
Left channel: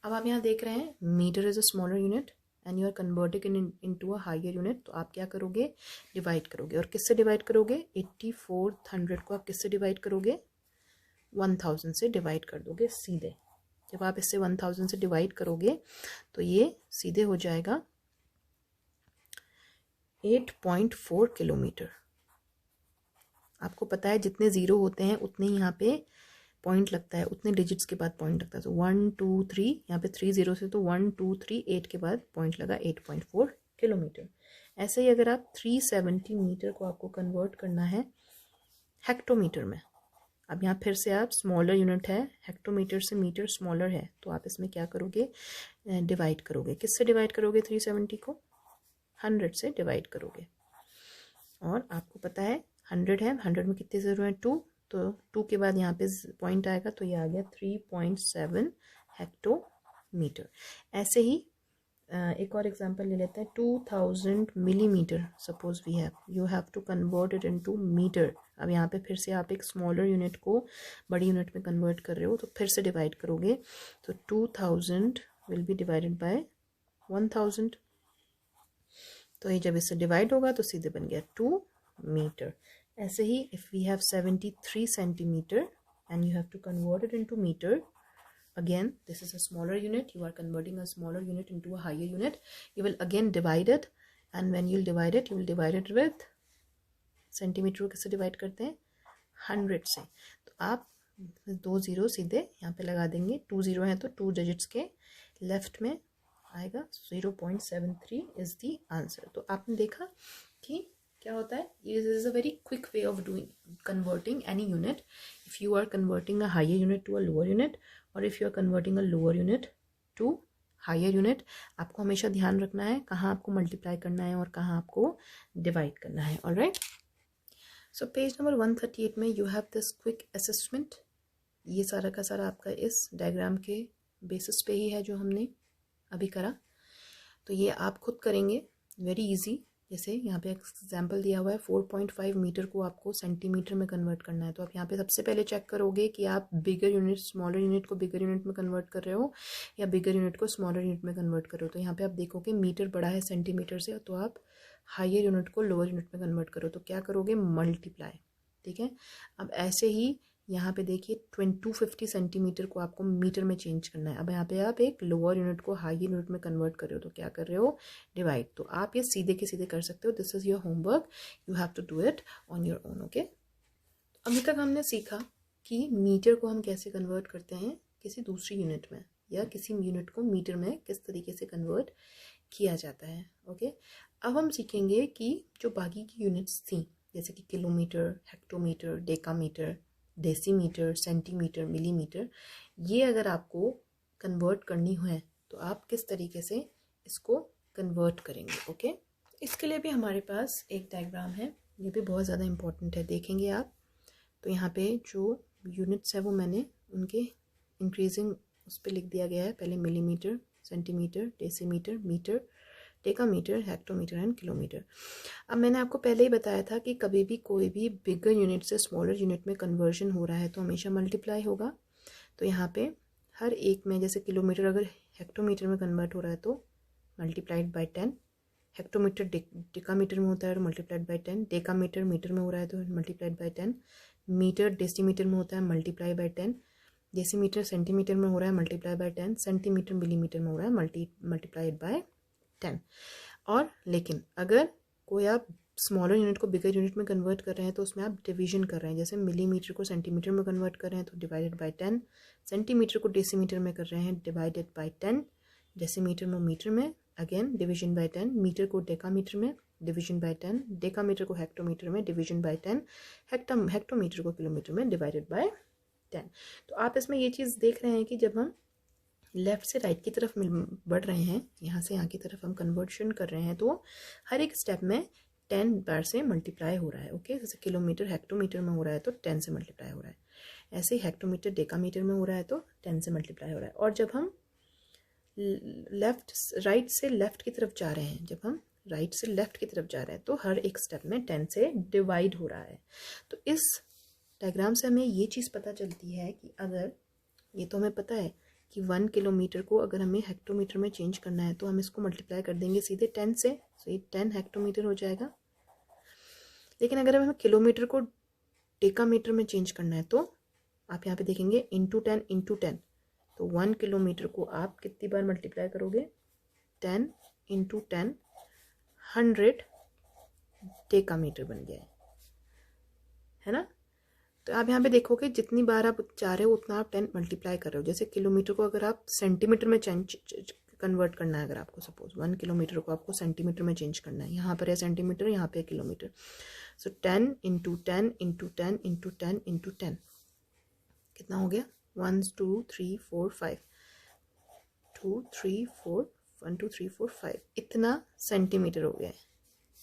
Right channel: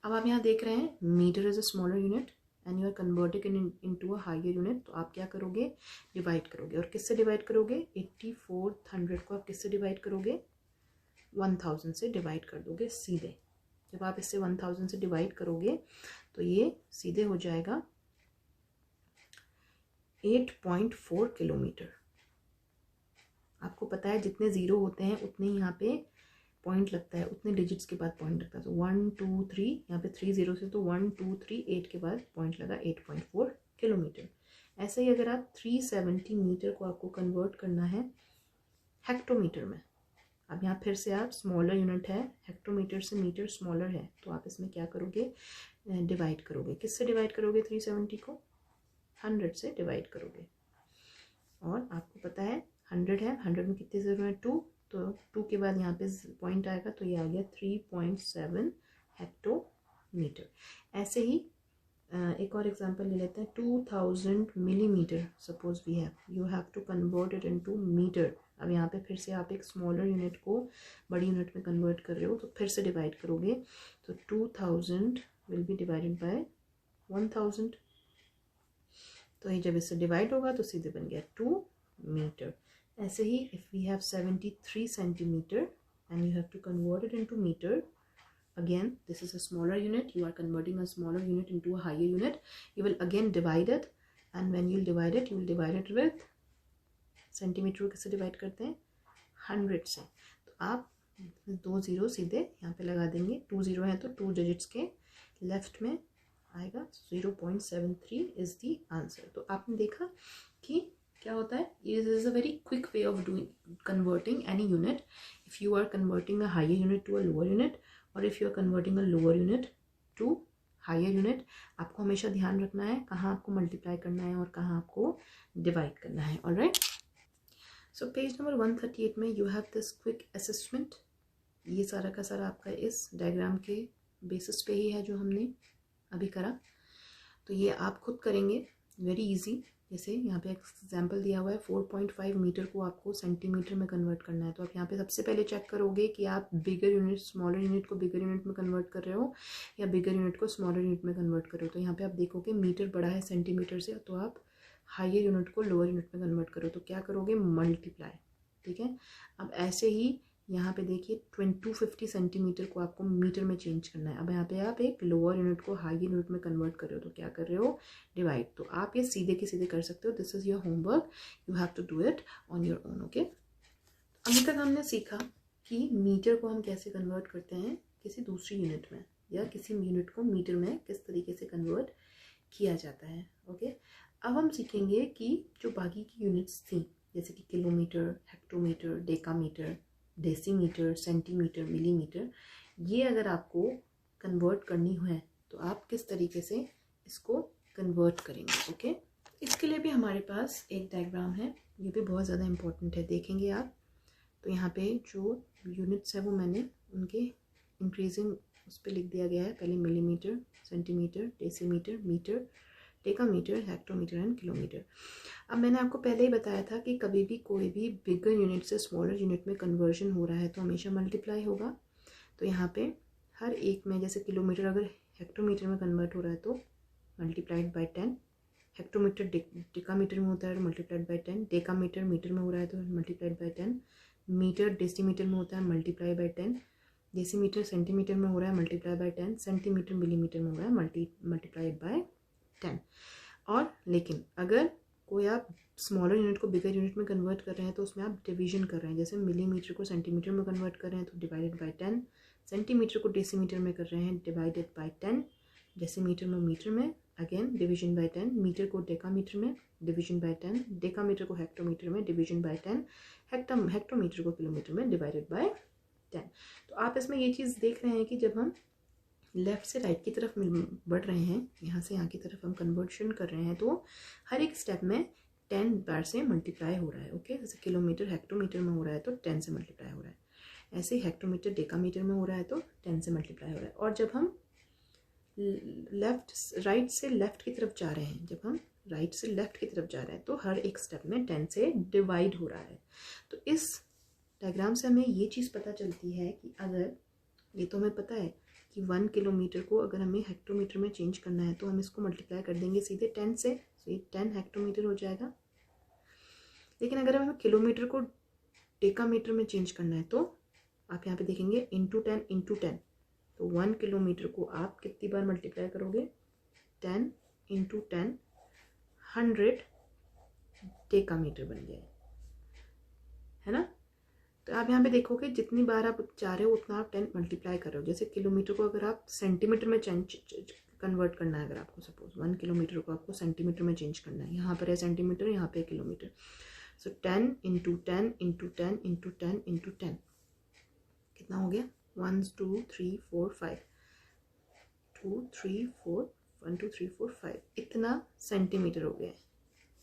अब आप यहाँ देख रहे हैं metre is a smaller unit and you are converting into a higher unit. तो आप क्या करोगे, डिवाइड करोगे। और किससे डिवाइड करोगे, 8400 को आप किससे डिवाइड करोगे, 1000 से डिवाइड कर दोगे सीधे। जब आप इससे 1000 से डिवाइड करोगे तो ये सीधे हो जाएगा 8.4 किलोमीटर। आपको पता है जितने ज़ीरो होते हैं उतने ही यहाँ पे पॉइंट लगता है, उतने डिजिट्स के बाद पॉइंट लगता है। तो 1 2 3, यहाँ पे 3 जीरो से तो 1 2 3 8 के बाद पॉइंट लगा 8.4 किलोमीटर। ऐसे ही अगर आप 370 मीटर को आपको कन्वर्ट करना है हेक्टोमीटर में, अब यहाँ फिर से आप स्मॉलर यूनिट है, हेक्टोमीटर से मीटर स्मॉलर है, तो आप इसमें क्या करोगे, डिवाइड करोगे। किससे डिवाइड करोगे, 370 को 100 से डिवाइड करोगे। और आपको पता है 100 है, 100 में कितने ज़ीरो हैं, 2, तो 2 के बाद यहाँ पे पॉइंट आएगा तो ये आ गया 3.7 हेक्टोमीटर। ऐसे ही एक और एग्जांपल ले लेते हैं, 2000 millimetre suppose we have, you have to convert it into metre. अब यहाँ पे फिर से आप एक स्मॉलर यूनिट को बड़ी यूनिट में कन्वर्ट कर रहे हो तो फिर से डिवाइड करोगे। तो 2000 विल बी डिवाइडेड बाय 1000। तो ये जब इससे डिवाइड होगा तो सीधे बन गया 2 मीटर। ऐसे ही if we have 73 centimetres and you have to convert it into metre, again this is a smaller unit, you are converting a smaller unit into a higher unit, you will again divide it, and when you'll divide it, you will divide it with centimetre को किससे divide करते हैं, 100 से। तो आप 2 zero सीधे यहाँ पे लगा देंगे, 2 ज़ीरो हैं तो 2 डिजिट्स के लेफ्ट में आएगा 0.73 इज़ दी आंसर। तो आपने देखा कि क्या होता है, this is a very quick way of doing converting any unit. If you are converting a higher unit to a lower unit और if you are converting a lower unit to higher unit, आपको हमेशा ध्यान रखना है कहाँ आपको multiply करना है और कहाँ आपको डिवाइड करना है। ऑलराइट, सो पेज नंबर 138 में you have this quick assessment. ये सारा का सारा आपका इस डायग्राम के बेसिस पे ही है जो हमने अभी करा। तो ये आप खुद करेंगे, वेरी इजी। जैसे यहाँ पे एग्जाम्पल दिया हुआ है 4.5 मीटर को आपको सेंटीमीटर में कन्वर्ट करना है। तो आप यहाँ पे सबसे पहले चेक करोगे कि आप बिगर यूनिट स्मॉलर यूनिट को बिगर यूनिट में कन्वर्ट कर रहे हो या बिगर यूनिट को स्मॉलर यूनिट में कन्वर्ट कर रहे हो। तो यहाँ पे आप देखोगे मीटर बड़ा है सेंटीमीटर से, तो आप हायर यूनिट को लोअर यूनिट में कन्वर्ट करो तो क्या करोगे, मल्टीप्लाई। ठीक है, अब ऐसे ही यहाँ पे देखिए 250 सेंटीमीटर को आपको मीटर में चेंज करना है। अब यहाँ पे आप एक लोअर यूनिट को हाई यूनिट में कन्वर्ट कर रहे हो तो क्या कर रहे हो, डिवाइड। तो आप ये सीधे के सीधे कर सकते हो। This is your homework, you have to do it on your own. Okay, अभी तक हमने सीखा कि मीटर को हम कैसे कन्वर्ट करते हैं किसी दूसरी यूनिट में, या किसी यूनिट को मीटर में किस तरीके से कन्वर्ट किया जाता है। ओके, अब हम सीखेंगे कि जो बाकी की यूनिट्स थी जैसे कि kilometre, hectometre, decametre, decimetre, centimetre, millimetre, ये अगर आपको कन्वर्ट करनी है तो आप किस तरीके से इसको कन्वर्ट करेंगे। ओके, इसके लिए भी हमारे पास एक डायग्राम है, ये भी बहुत ज़्यादा इम्पोर्टेंट है, देखेंगे आप। तो यहाँ पे जो यूनिट्स है वो मैंने उनके इंक्रीजिंग उस पर लिख दिया गया है। पहले millimetre, centimetre, decimetre, metre, decametre, hectometre and kilometre. अब मैंने आपको पहले ही बताया था कि कभी भी कोई भी बिगर यूनिट से स्मॉलर यूनिट में कन्वर्जन हो रहा है तो हमेशा मल्टीप्लाई होगा। तो यहाँ पे हर एक में, जैसे किलोमीटर अगर हेक्टोमीटर में कन्वर्ट हो रहा है तो मल्टीप्लाइड बाई 10, हेक्टोमीटर डेकामीटर में होता है तो मल्टीप्लाइड बाई 10, डेकामीटर मीटर में हो रहा है तो मल्टीप्लाइड बाई 10, मीटर डेसीमीटर में होता है मल्टीप्लाई बाई 10, डेसीमीटर सेंटीमीटर में हो रहा है मल्टीप्लाई बाई 10, सेंटीमीटर मिलीमीटर में हो रहा है मल्टीप्लाइड बाई 10। और लेकिन अगर कोई आप स्मॉलर यूनिट को बिगर यूनिट में कन्वर्ट कर रहे हैं तो उसमें आप डिवीजन कर रहे हैं। जैसे मिलीमीटर को सेंटीमीटर में कन्वर्ट कर रहे हैं तो डिवाइडेड बाई 10, सेंटीमीटर को डेसीमीटर में कर रहे हैं डिवाइडेड बाई 10, डेसीमीटर में मीटर में अगेन डिवीजन बाई 10, मीटर को डेकामीटर में डिवीजन बाई 10, डेकामीटर को हेक्टोमीटर में डिवीजन बाई 10, हेक्टोमीटर को किलोमीटर में डिवाइडेड बाई 10। तो आप इसमें ये चीज़ देख रहे हैं कि जब हम लेफ़्ट से राइट की तरफ बढ़ रहे हैं, यहाँ से यहाँ की तरफ हम कन्वर्शन कर रहे हैं, तो हर एक स्टेप में 10 बार से मल्टीप्लाई हो रहा है। ओके, जैसे किलोमीटर हेक्टोमीटर में हो रहा है तो 10 से मल्टीप्लाई हो रहा है, ऐसे ही हेक्टोमीटर डेकामीटर में हो रहा है तो 10 से मल्टीप्लाई हो रहा है। और जब हम राइट से लेफ़्ट की तरफ जा रहे हैं, जब हम राइट से लेफ़्ट की तरफ जा रहे हैं तो हर एक स्टेप में 10 से डिवाइड हो रहा है। तो इस डायग्राम से हमें ये चीज़ पता चलती है कि अगर, ये तो हमें पता है कि 1 किलोमीटर को अगर हमें हेक्टोमीटर में चेंज करना है तो हम इसको मल्टीप्लाई कर देंगे सीधे 10 से, तो ये 10 हेक्टोमीटर हो जाएगा। लेकिन अगर हमें किलोमीटर को डेकामीटर में चेंज करना है तो आप यहाँ पे देखेंगे इंटू 10, तो 1 किलोमीटर को आप कितनी बार मल्टीप्लाई करोगे, 10 इंटू 10, 100 डेकामीटर बन गया है ना। तो आप यहाँ पे देखोगे जितनी बार आप चाह रहे हो उतना आप 10 मल्टीप्लाई कर रहे हो। जैसे किलोमीटर को अगर आप सेंटीमीटर में कन्वर्ट करना है, अगर आपको सपोज 1 किलोमीटर को आपको सेंटीमीटर में चेंज करना है, यहाँ पर है सेंटीमीटर, यहाँ पे है किलोमीटर, सो 10 इंटू 10 इंटू 10 इंटू 10 इंटू 10 कितना हो गया, 1 2 3 4 5, 2 3 4 1 2 3 4 5, इतना सेंटीमीटर हो गया है।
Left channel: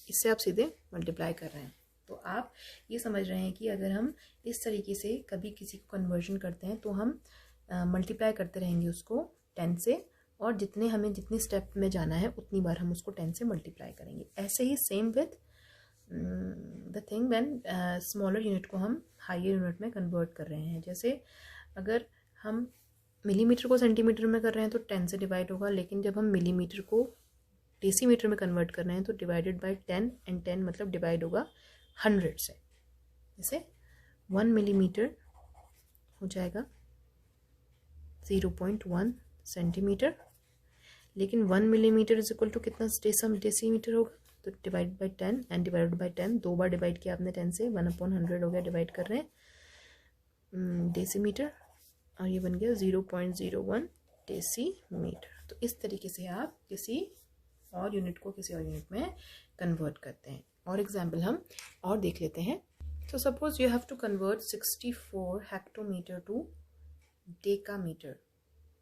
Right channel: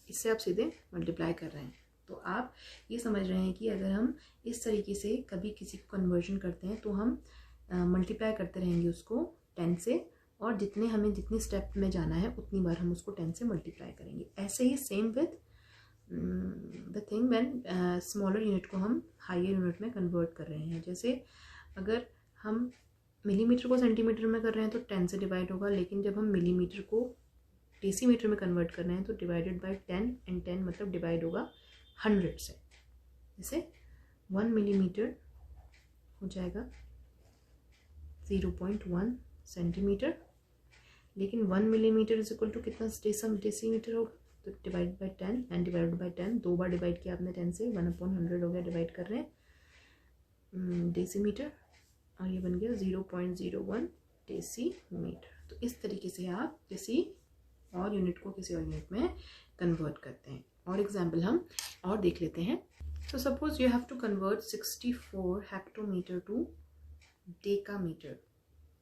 इससे आप सीधे मल्टीप्लाई कर रहे हैं। तो आप ये समझ रहे हैं कि अगर हम इस तरीके से कभी किसी को कन्वर्जन करते हैं तो हम मल्टीप्लाई करते रहेंगे उसको 10 से, और जितनी स्टेप में जाना है उतनी बार हम उसको 10 से मल्टीप्लाई करेंगे। ऐसे ही same with the thing when smaller unit को हम हायर यूनिट में कन्वर्ट कर रहे हैं। जैसे अगर हम मिलीमीटर को सेंटीमीटर में कर रहे हैं तो 10 से डिवाइड होगा, लेकिन जब हम मिलीमीटर को डेसीमीटर में कन्वर्ट कर रहे हैं तो डिवाइडेड बाई 10, एंड 10 मतलब डिवाइड होगा 100 से। जैसे 1 मिलीमीटर हो जाएगा 0.1 सेंटीमीटर, लेकिन 1 मिलीमीटर इज इक्वल टू कितना डेसीमीटर होगा, तो divide by 10 and divide by 10, 2 bar divide किया आपने 10 से, 1/100 हो गया, डिवाइड कर रहे हैं डेसीमीटर, और ये बन गया 0.01 डेसीमीटर। तो इस तरीके से आप किसी और यूनिट को किसी और यूनिट में कन्वर्ट करते हैं। और एग्जाम्पल हम और देख लेते हैं। तो suppose you have to convert 64 hectometre to decametre.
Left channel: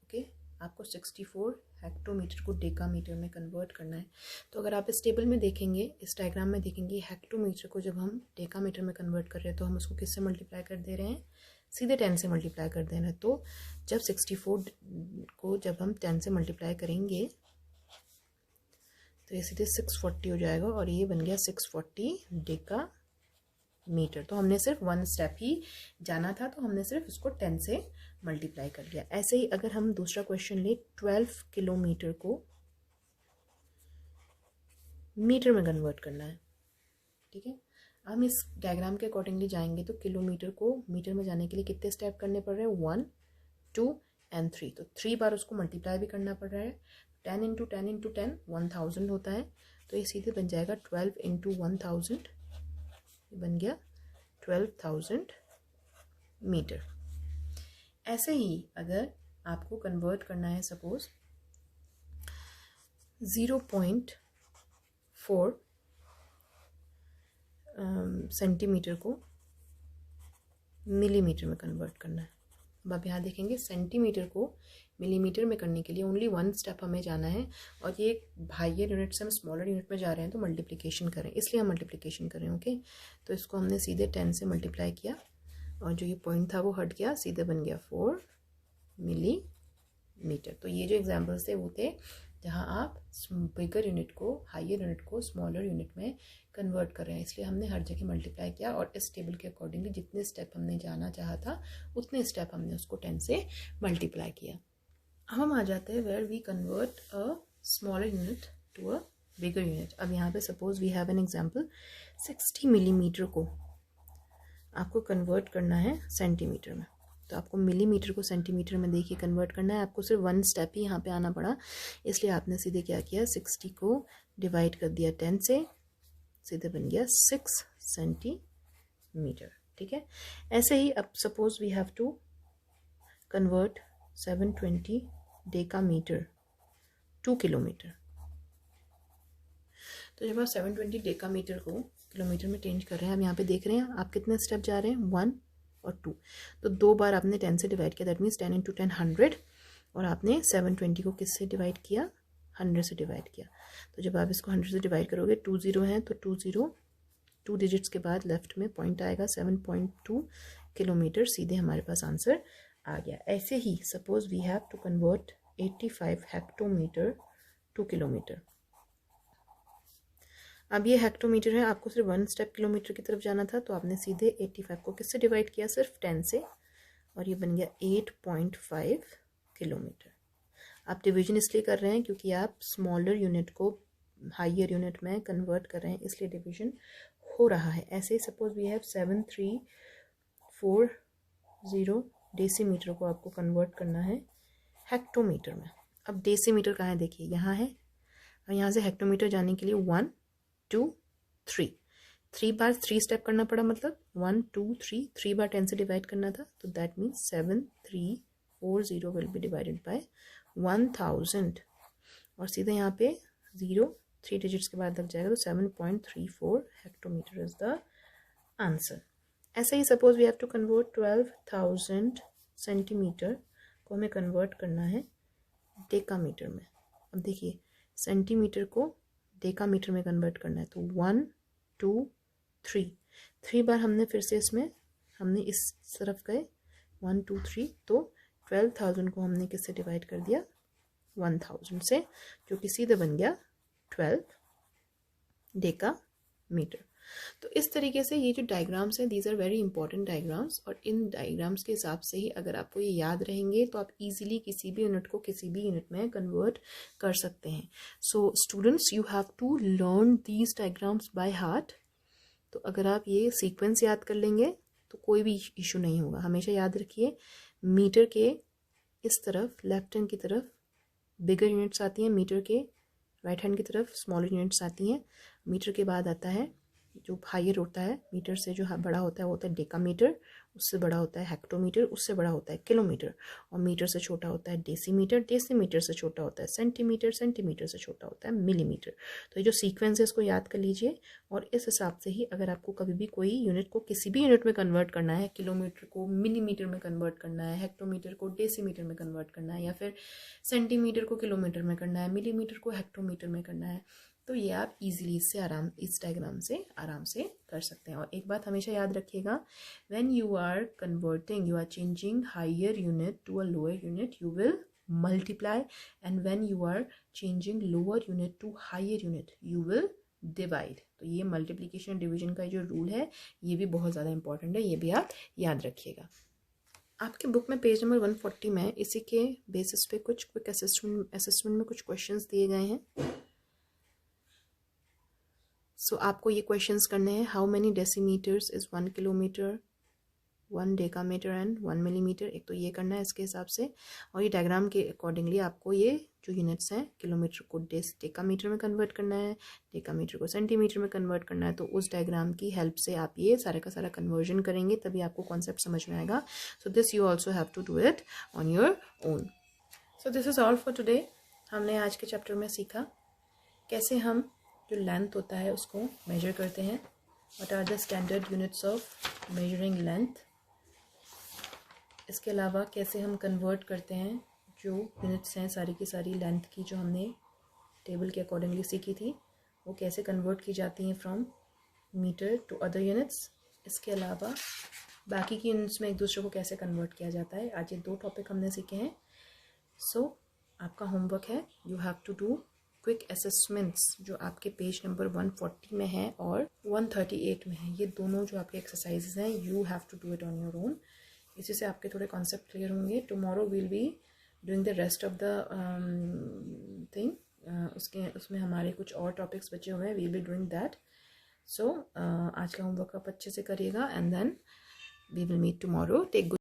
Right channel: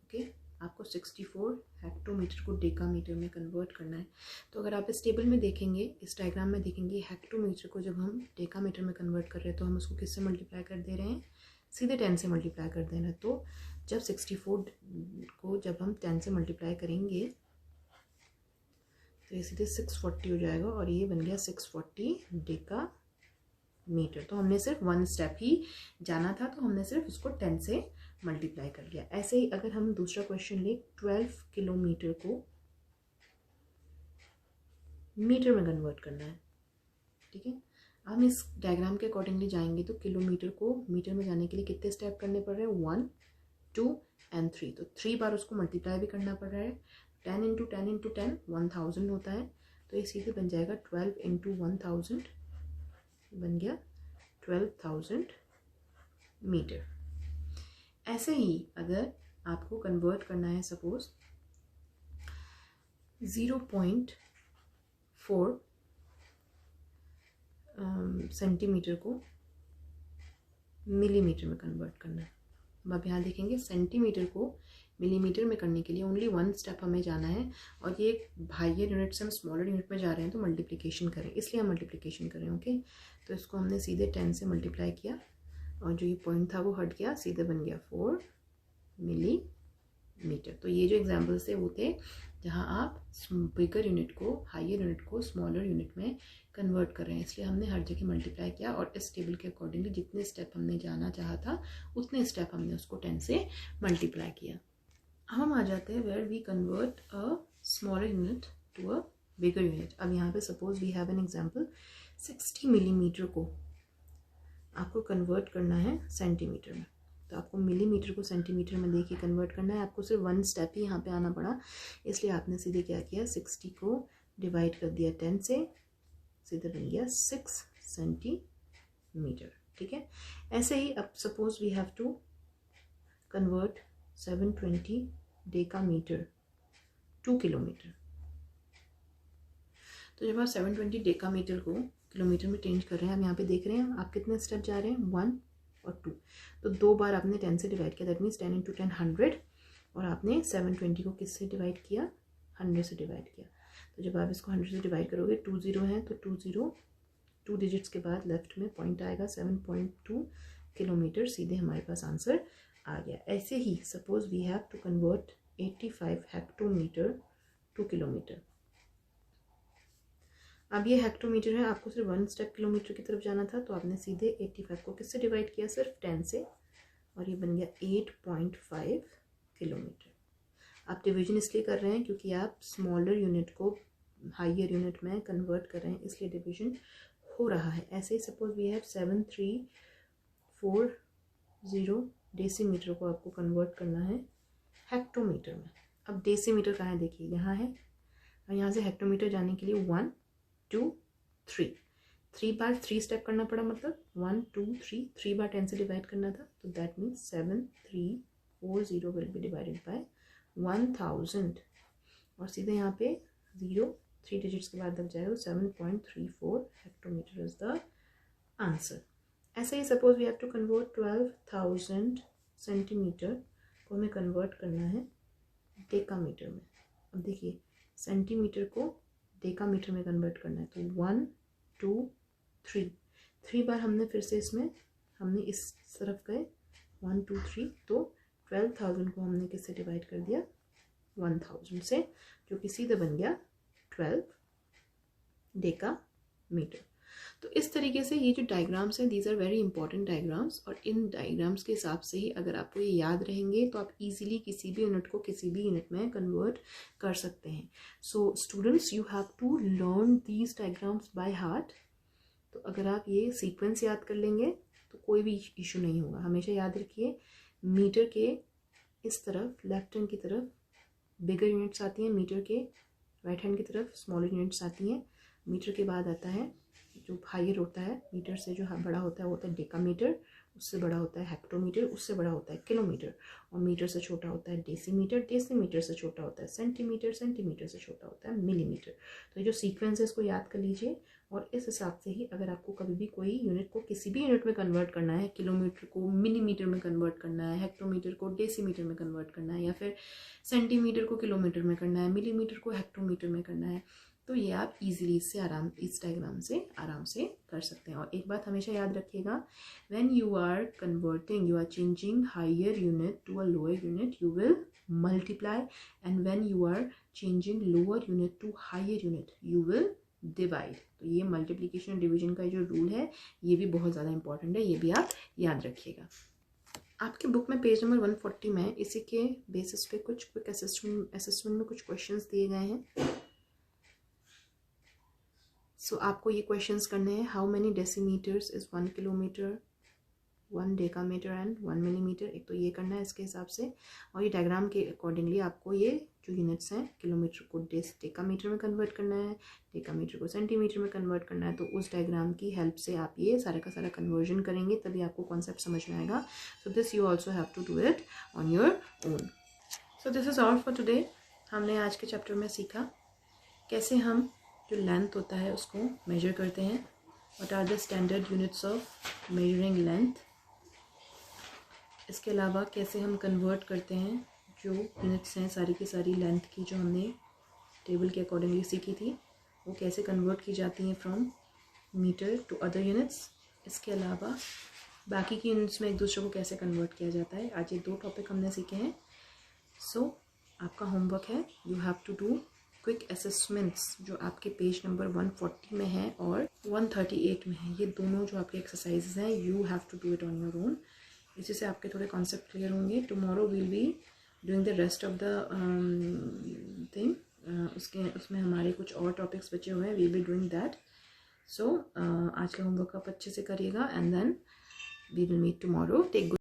Okay, आपको 64 हेक्टोमीटर को डेकामीटर में कन्वर्ट करना है। तो अगर आप इस टेबल में देखेंगे, इस डायग्राम में देखेंगे, हेक्टोमीटर को जब हम डेकामीटर में कन्वर्ट कर रहे हैं तो हम उसको किससे मल्टीप्लाई कर दे रहे हैं, सीधे 10 से मल्टीप्लाई कर देना है। तो जब 64 को जब हम 10 से मल्टीप्लाई करेंगे तो ये सीधे 640 हो जाएगा, और ये बन गया 640 डेकामीटर। तो हमने सिर्फ 1 स्टेप ही जाना था, तो हमने सिर्फ उसको 10 से मल्टीप्लाई कर लिया। ऐसे ही अगर हम दूसरा क्वेश्चन ले, 12 किलोमीटर को मीटर में कन्वर्ट करना है। ठीक है, हम इस डायग्राम के अकॉर्डिंगली जाएंगे तो किलोमीटर को मीटर में जाने के लिए कितने स्टेप करने पड़ रहे हैं, 1 2 एंड 3, तो 3 बार उसको मल्टीप्लाई भी करना पड़ रहा है। 10 इंटू 10 इंटू 10 1000 होता है, तो ये सीधे बन जाएगा 12 इंटू 1000, बन गया 12,000 मीटर। ऐसे ही अगर आपको कन्वर्ट करना है सपोज 0.4 सेंटीमीटर को मिलीमीटर में कन्वर्ट करना है। अब आप यहाँ देखेंगे सेंटीमीटर को मिलीमीटर में करने के लिए ओनली 1 स्टेप हमें जाना है, और ये हायर यूनिट से हम स्मॉलर यूनिट में जा रहे हैं तो मल्टीप्लिकेशन करें, इसलिए हम मल्टीप्लिकेशन करें। ओके, तो इसको हमने सीधे 10 से मल्टीप्लाई किया और जो ये पॉइंट था वो हट गया, सीधे बन गया 4 मिलीमीटर। तो ये जो एग्जाम्पल्स थे वो थे जहाँ आप बिगर यूनिट को, हायर यूनिट को स्मॉलर यूनिट में कन्वर्ट कर रहे हैं, इसलिए हमने हर जगह मल्टीप्लाई किया और इस टेबल के अकॉर्डिंगली जितने स्टेप हमने जाना चाहा था उतने स्टेप हमने उसको 10 से मल्टीप्लाई किया। अब हम आ जाते हैं where we convert a smaller unit to a bigger unit. अब यहाँ पे suppose we have an example, 60 millimetre को आपको कन्वर्ट करना है सेंटीमीटर में, तो आपको मिलीमीटर को सेंटीमीटर में देखिए कन्वर्ट करना है। आपको सिर्फ 1 स्टेप ही यहाँ पे आना पड़ा, इसलिए आपने सीधे क्या किया, 60 को डिवाइड कर दिया 10 से, सीधे बन गया 6 सेंटीमीटर। ठीक है, ऐसे ही अब suppose we have to convert 720 decametre to kilometre, तो जब आप 720 डेकामीटर को किलोमीटर में चेंज कर रहे हैं, अब यहाँ पे देख रहे हैं आप कितने स्टेप जा रहे हैं, 1 और 2, तो 2 बार आपने 10 से डिवाइड किया, दैट मीन्स 10 इंटू 10 100, और आपने 720 को किससे डिवाइड किया, 100 से डिवाइड किया। तो जब आप इसको 100 से डिवाइड करोगे, 20 हैं तो 2 डिजिट्स के बाद लेफ्ट में पॉइंट आएगा, 7.2 किलोमीटर, सीधे हमारे पास आंसर आ गया। ऐसे ही suppose we have to convert 85 hectometre to kilometre. अब ये हेक्टोमीटर है, आपको सिर्फ 1 स्टेप किलोमीटर की तरफ जाना था, तो आपने सीधे 85 को किससे डिवाइड किया, सिर्फ 10 से, और ये बन गया 8.5 किलोमीटर। आप डिवीजन इसलिए कर रहे हैं क्योंकि आप स्मॉलर यूनिट को हायर यूनिट में कन्वर्ट कर रहे हैं, इसलिए डिवीजन हो रहा है। ऐसे ही सपोज वी हैव 7340 डेसीमीटर को आपको कन्वर्ट करना है हेक्टोमीटर में। अब डेसीमीटर कहाँ है, देखिए यहाँ है, और यहाँ से हेक्टोमीटर जाने के लिए 1 2 3 बार 3 स्टेप करना पड़ा, मतलब 1 2 3 बार 10 से डिवाइड करना था, तो that means 7340 will be divided by 1000, और सीधे यहाँ पे 0 3 डिजिट्स के बाद लग जाएगा, तो 7.34 हेक्टोमीटर इज द आंसर। ऐसे ही suppose we have to convert 12,000 centimetres को हमें कन्वर्ट करना है डेकामीटर में। अब देखिए सेंटीमीटर को डेकामीटर में कन्वर्ट करना है, तो 1 2 3 बार हमने फिर से इसमें हमने इस तरफ गए 1 2 3, तो 12,000 को हमने किससे डिवाइड कर दिया, 1000 से, जो कि सीधे बन गया 12 डेकामीटर। तो इस तरीके से ये जो डायग्राम्स हैं, these are very important diagrams, और इन डायग्राम्स के हिसाब से ही अगर आपको ये याद रहेंगे तो आप इजीली किसी भी यूनिट को किसी भी यूनिट में कन्वर्ट कर सकते हैं। So students, you have to learn these diagrams by heart. तो अगर आप ये सीक्वेंस याद कर लेंगे तो कोई भी इशू नहीं होगा। हमेशा याद रखिए, मीटर के इस तरफ लेफ्ट हैंड की तरफ बिगर यूनिट्स आती हैं, मीटर के राइट हैंड की तरफ स्मॉलर यूनिट्स आती हैं। मीटर के बाद आता है जो हायर होता है, मीटर से जो बड़ा होता है वो होता है डेकामीटर, उससे बड़ा होता है हेक्टोमीटर, उससे बड़ा होता है किलोमीटर, और मीटर से छोटा होता है डेसीमीटर, डेसीमीटर से छोटा होता है सेंटीमीटर, सेंटीमीटर से छोटा होता है मिलीमीटर। तो ये जो सीक्वेंस है इसको याद कर लीजिए, और इस हिसाब से ही अगर आपको कभी भी कोई यूनिट को किसी भी यूनिट में कन्वर्ट करना है, किलोमीटर को मिलीमीटर में कन्वर्ट करना है, हेक्टोमीटर को डेसीमीटर में कन्वर्ट करना है, या फिर सेंटीमीटर को किलोमीटर में करना है, मिलीमीटर को हेक्टोमीटर में करना है, तो ये आप इजीली इस डायग्राम से आराम से कर सकते हैं। और एक बात हमेशा याद रखिएगा, when you are converting, you are changing higher unit to a lower unit, you will multiply, and when you are changing lower unit to higher unit, you will divide. तो ये मल्टीप्लिकेशन डिवीजन का जो rule है ये भी बहुत ज़्यादा important है, ये भी आप याद रखिएगा। आपके बुक में पेज नंबर 140 में इसी के बेसिस पे कुछ क्विक असेसमेंट में कुछ क्वेश्चंस दिए गए हैं। सो आपको ये क्वेश्चंस करने हैं, how many decimetres is 1 kilometre, 1 decametre and 1 millimetre. एक तो ये करना है इसके हिसाब से, और ये डायग्राम के अकॉर्डिंगली आपको ये जो यूनिट्स हैं, किलोमीटर को डेकामीटर में कन्वर्ट करना है, डेकामीटर को सेंटीमीटर में कन्वर्ट करना है। तो उस डायग्राम की हेल्प से आप ये सारा का सारा कन्वर्जन करेंगे, तभी आपको कॉन्सेप्ट समझ में आएगा। So this you also have to do it on your own. So this is all for today. हमने आज के चैप्टर में सीखा कैसे हम जो लेंथ होता है उसको मेजर करते हैं, what are the standard units of measuring length. इसके अलावा कैसे हम कन्वर्ट करते हैं जो यूनिट्स हैं सारी की सारी लेंथ की, जो हमने टेबल के अकॉर्डिंगली सीखी थी, वो कैसे कन्वर्ट की जाती हैं from metre to other units. इसके अलावा बाकी की यूनिट्स में एक दूसरे को कैसे कन्वर्ट किया जाता है। आज ये 2 टॉपिक हमने सीखे हैं। सो आपका होमवर्क है, you have to do quick assessments जो आपके पेज नंबर 140 में है और 138 में है। ये दोनों जो आपके एक्सरसाइजेज हैं, you have to do it on your own. इसी से आपके थोड़े कॉन्सेप्ट क्लियर होंगे। Tomorrow will be doing the rest of the thing. उसमें हमारे कुछ और टॉपिक्स बचे हुए हैं, we be doing that. So आज का होमवर्क आप अच्छे से करिएगा and then we will meet tomorrow. Take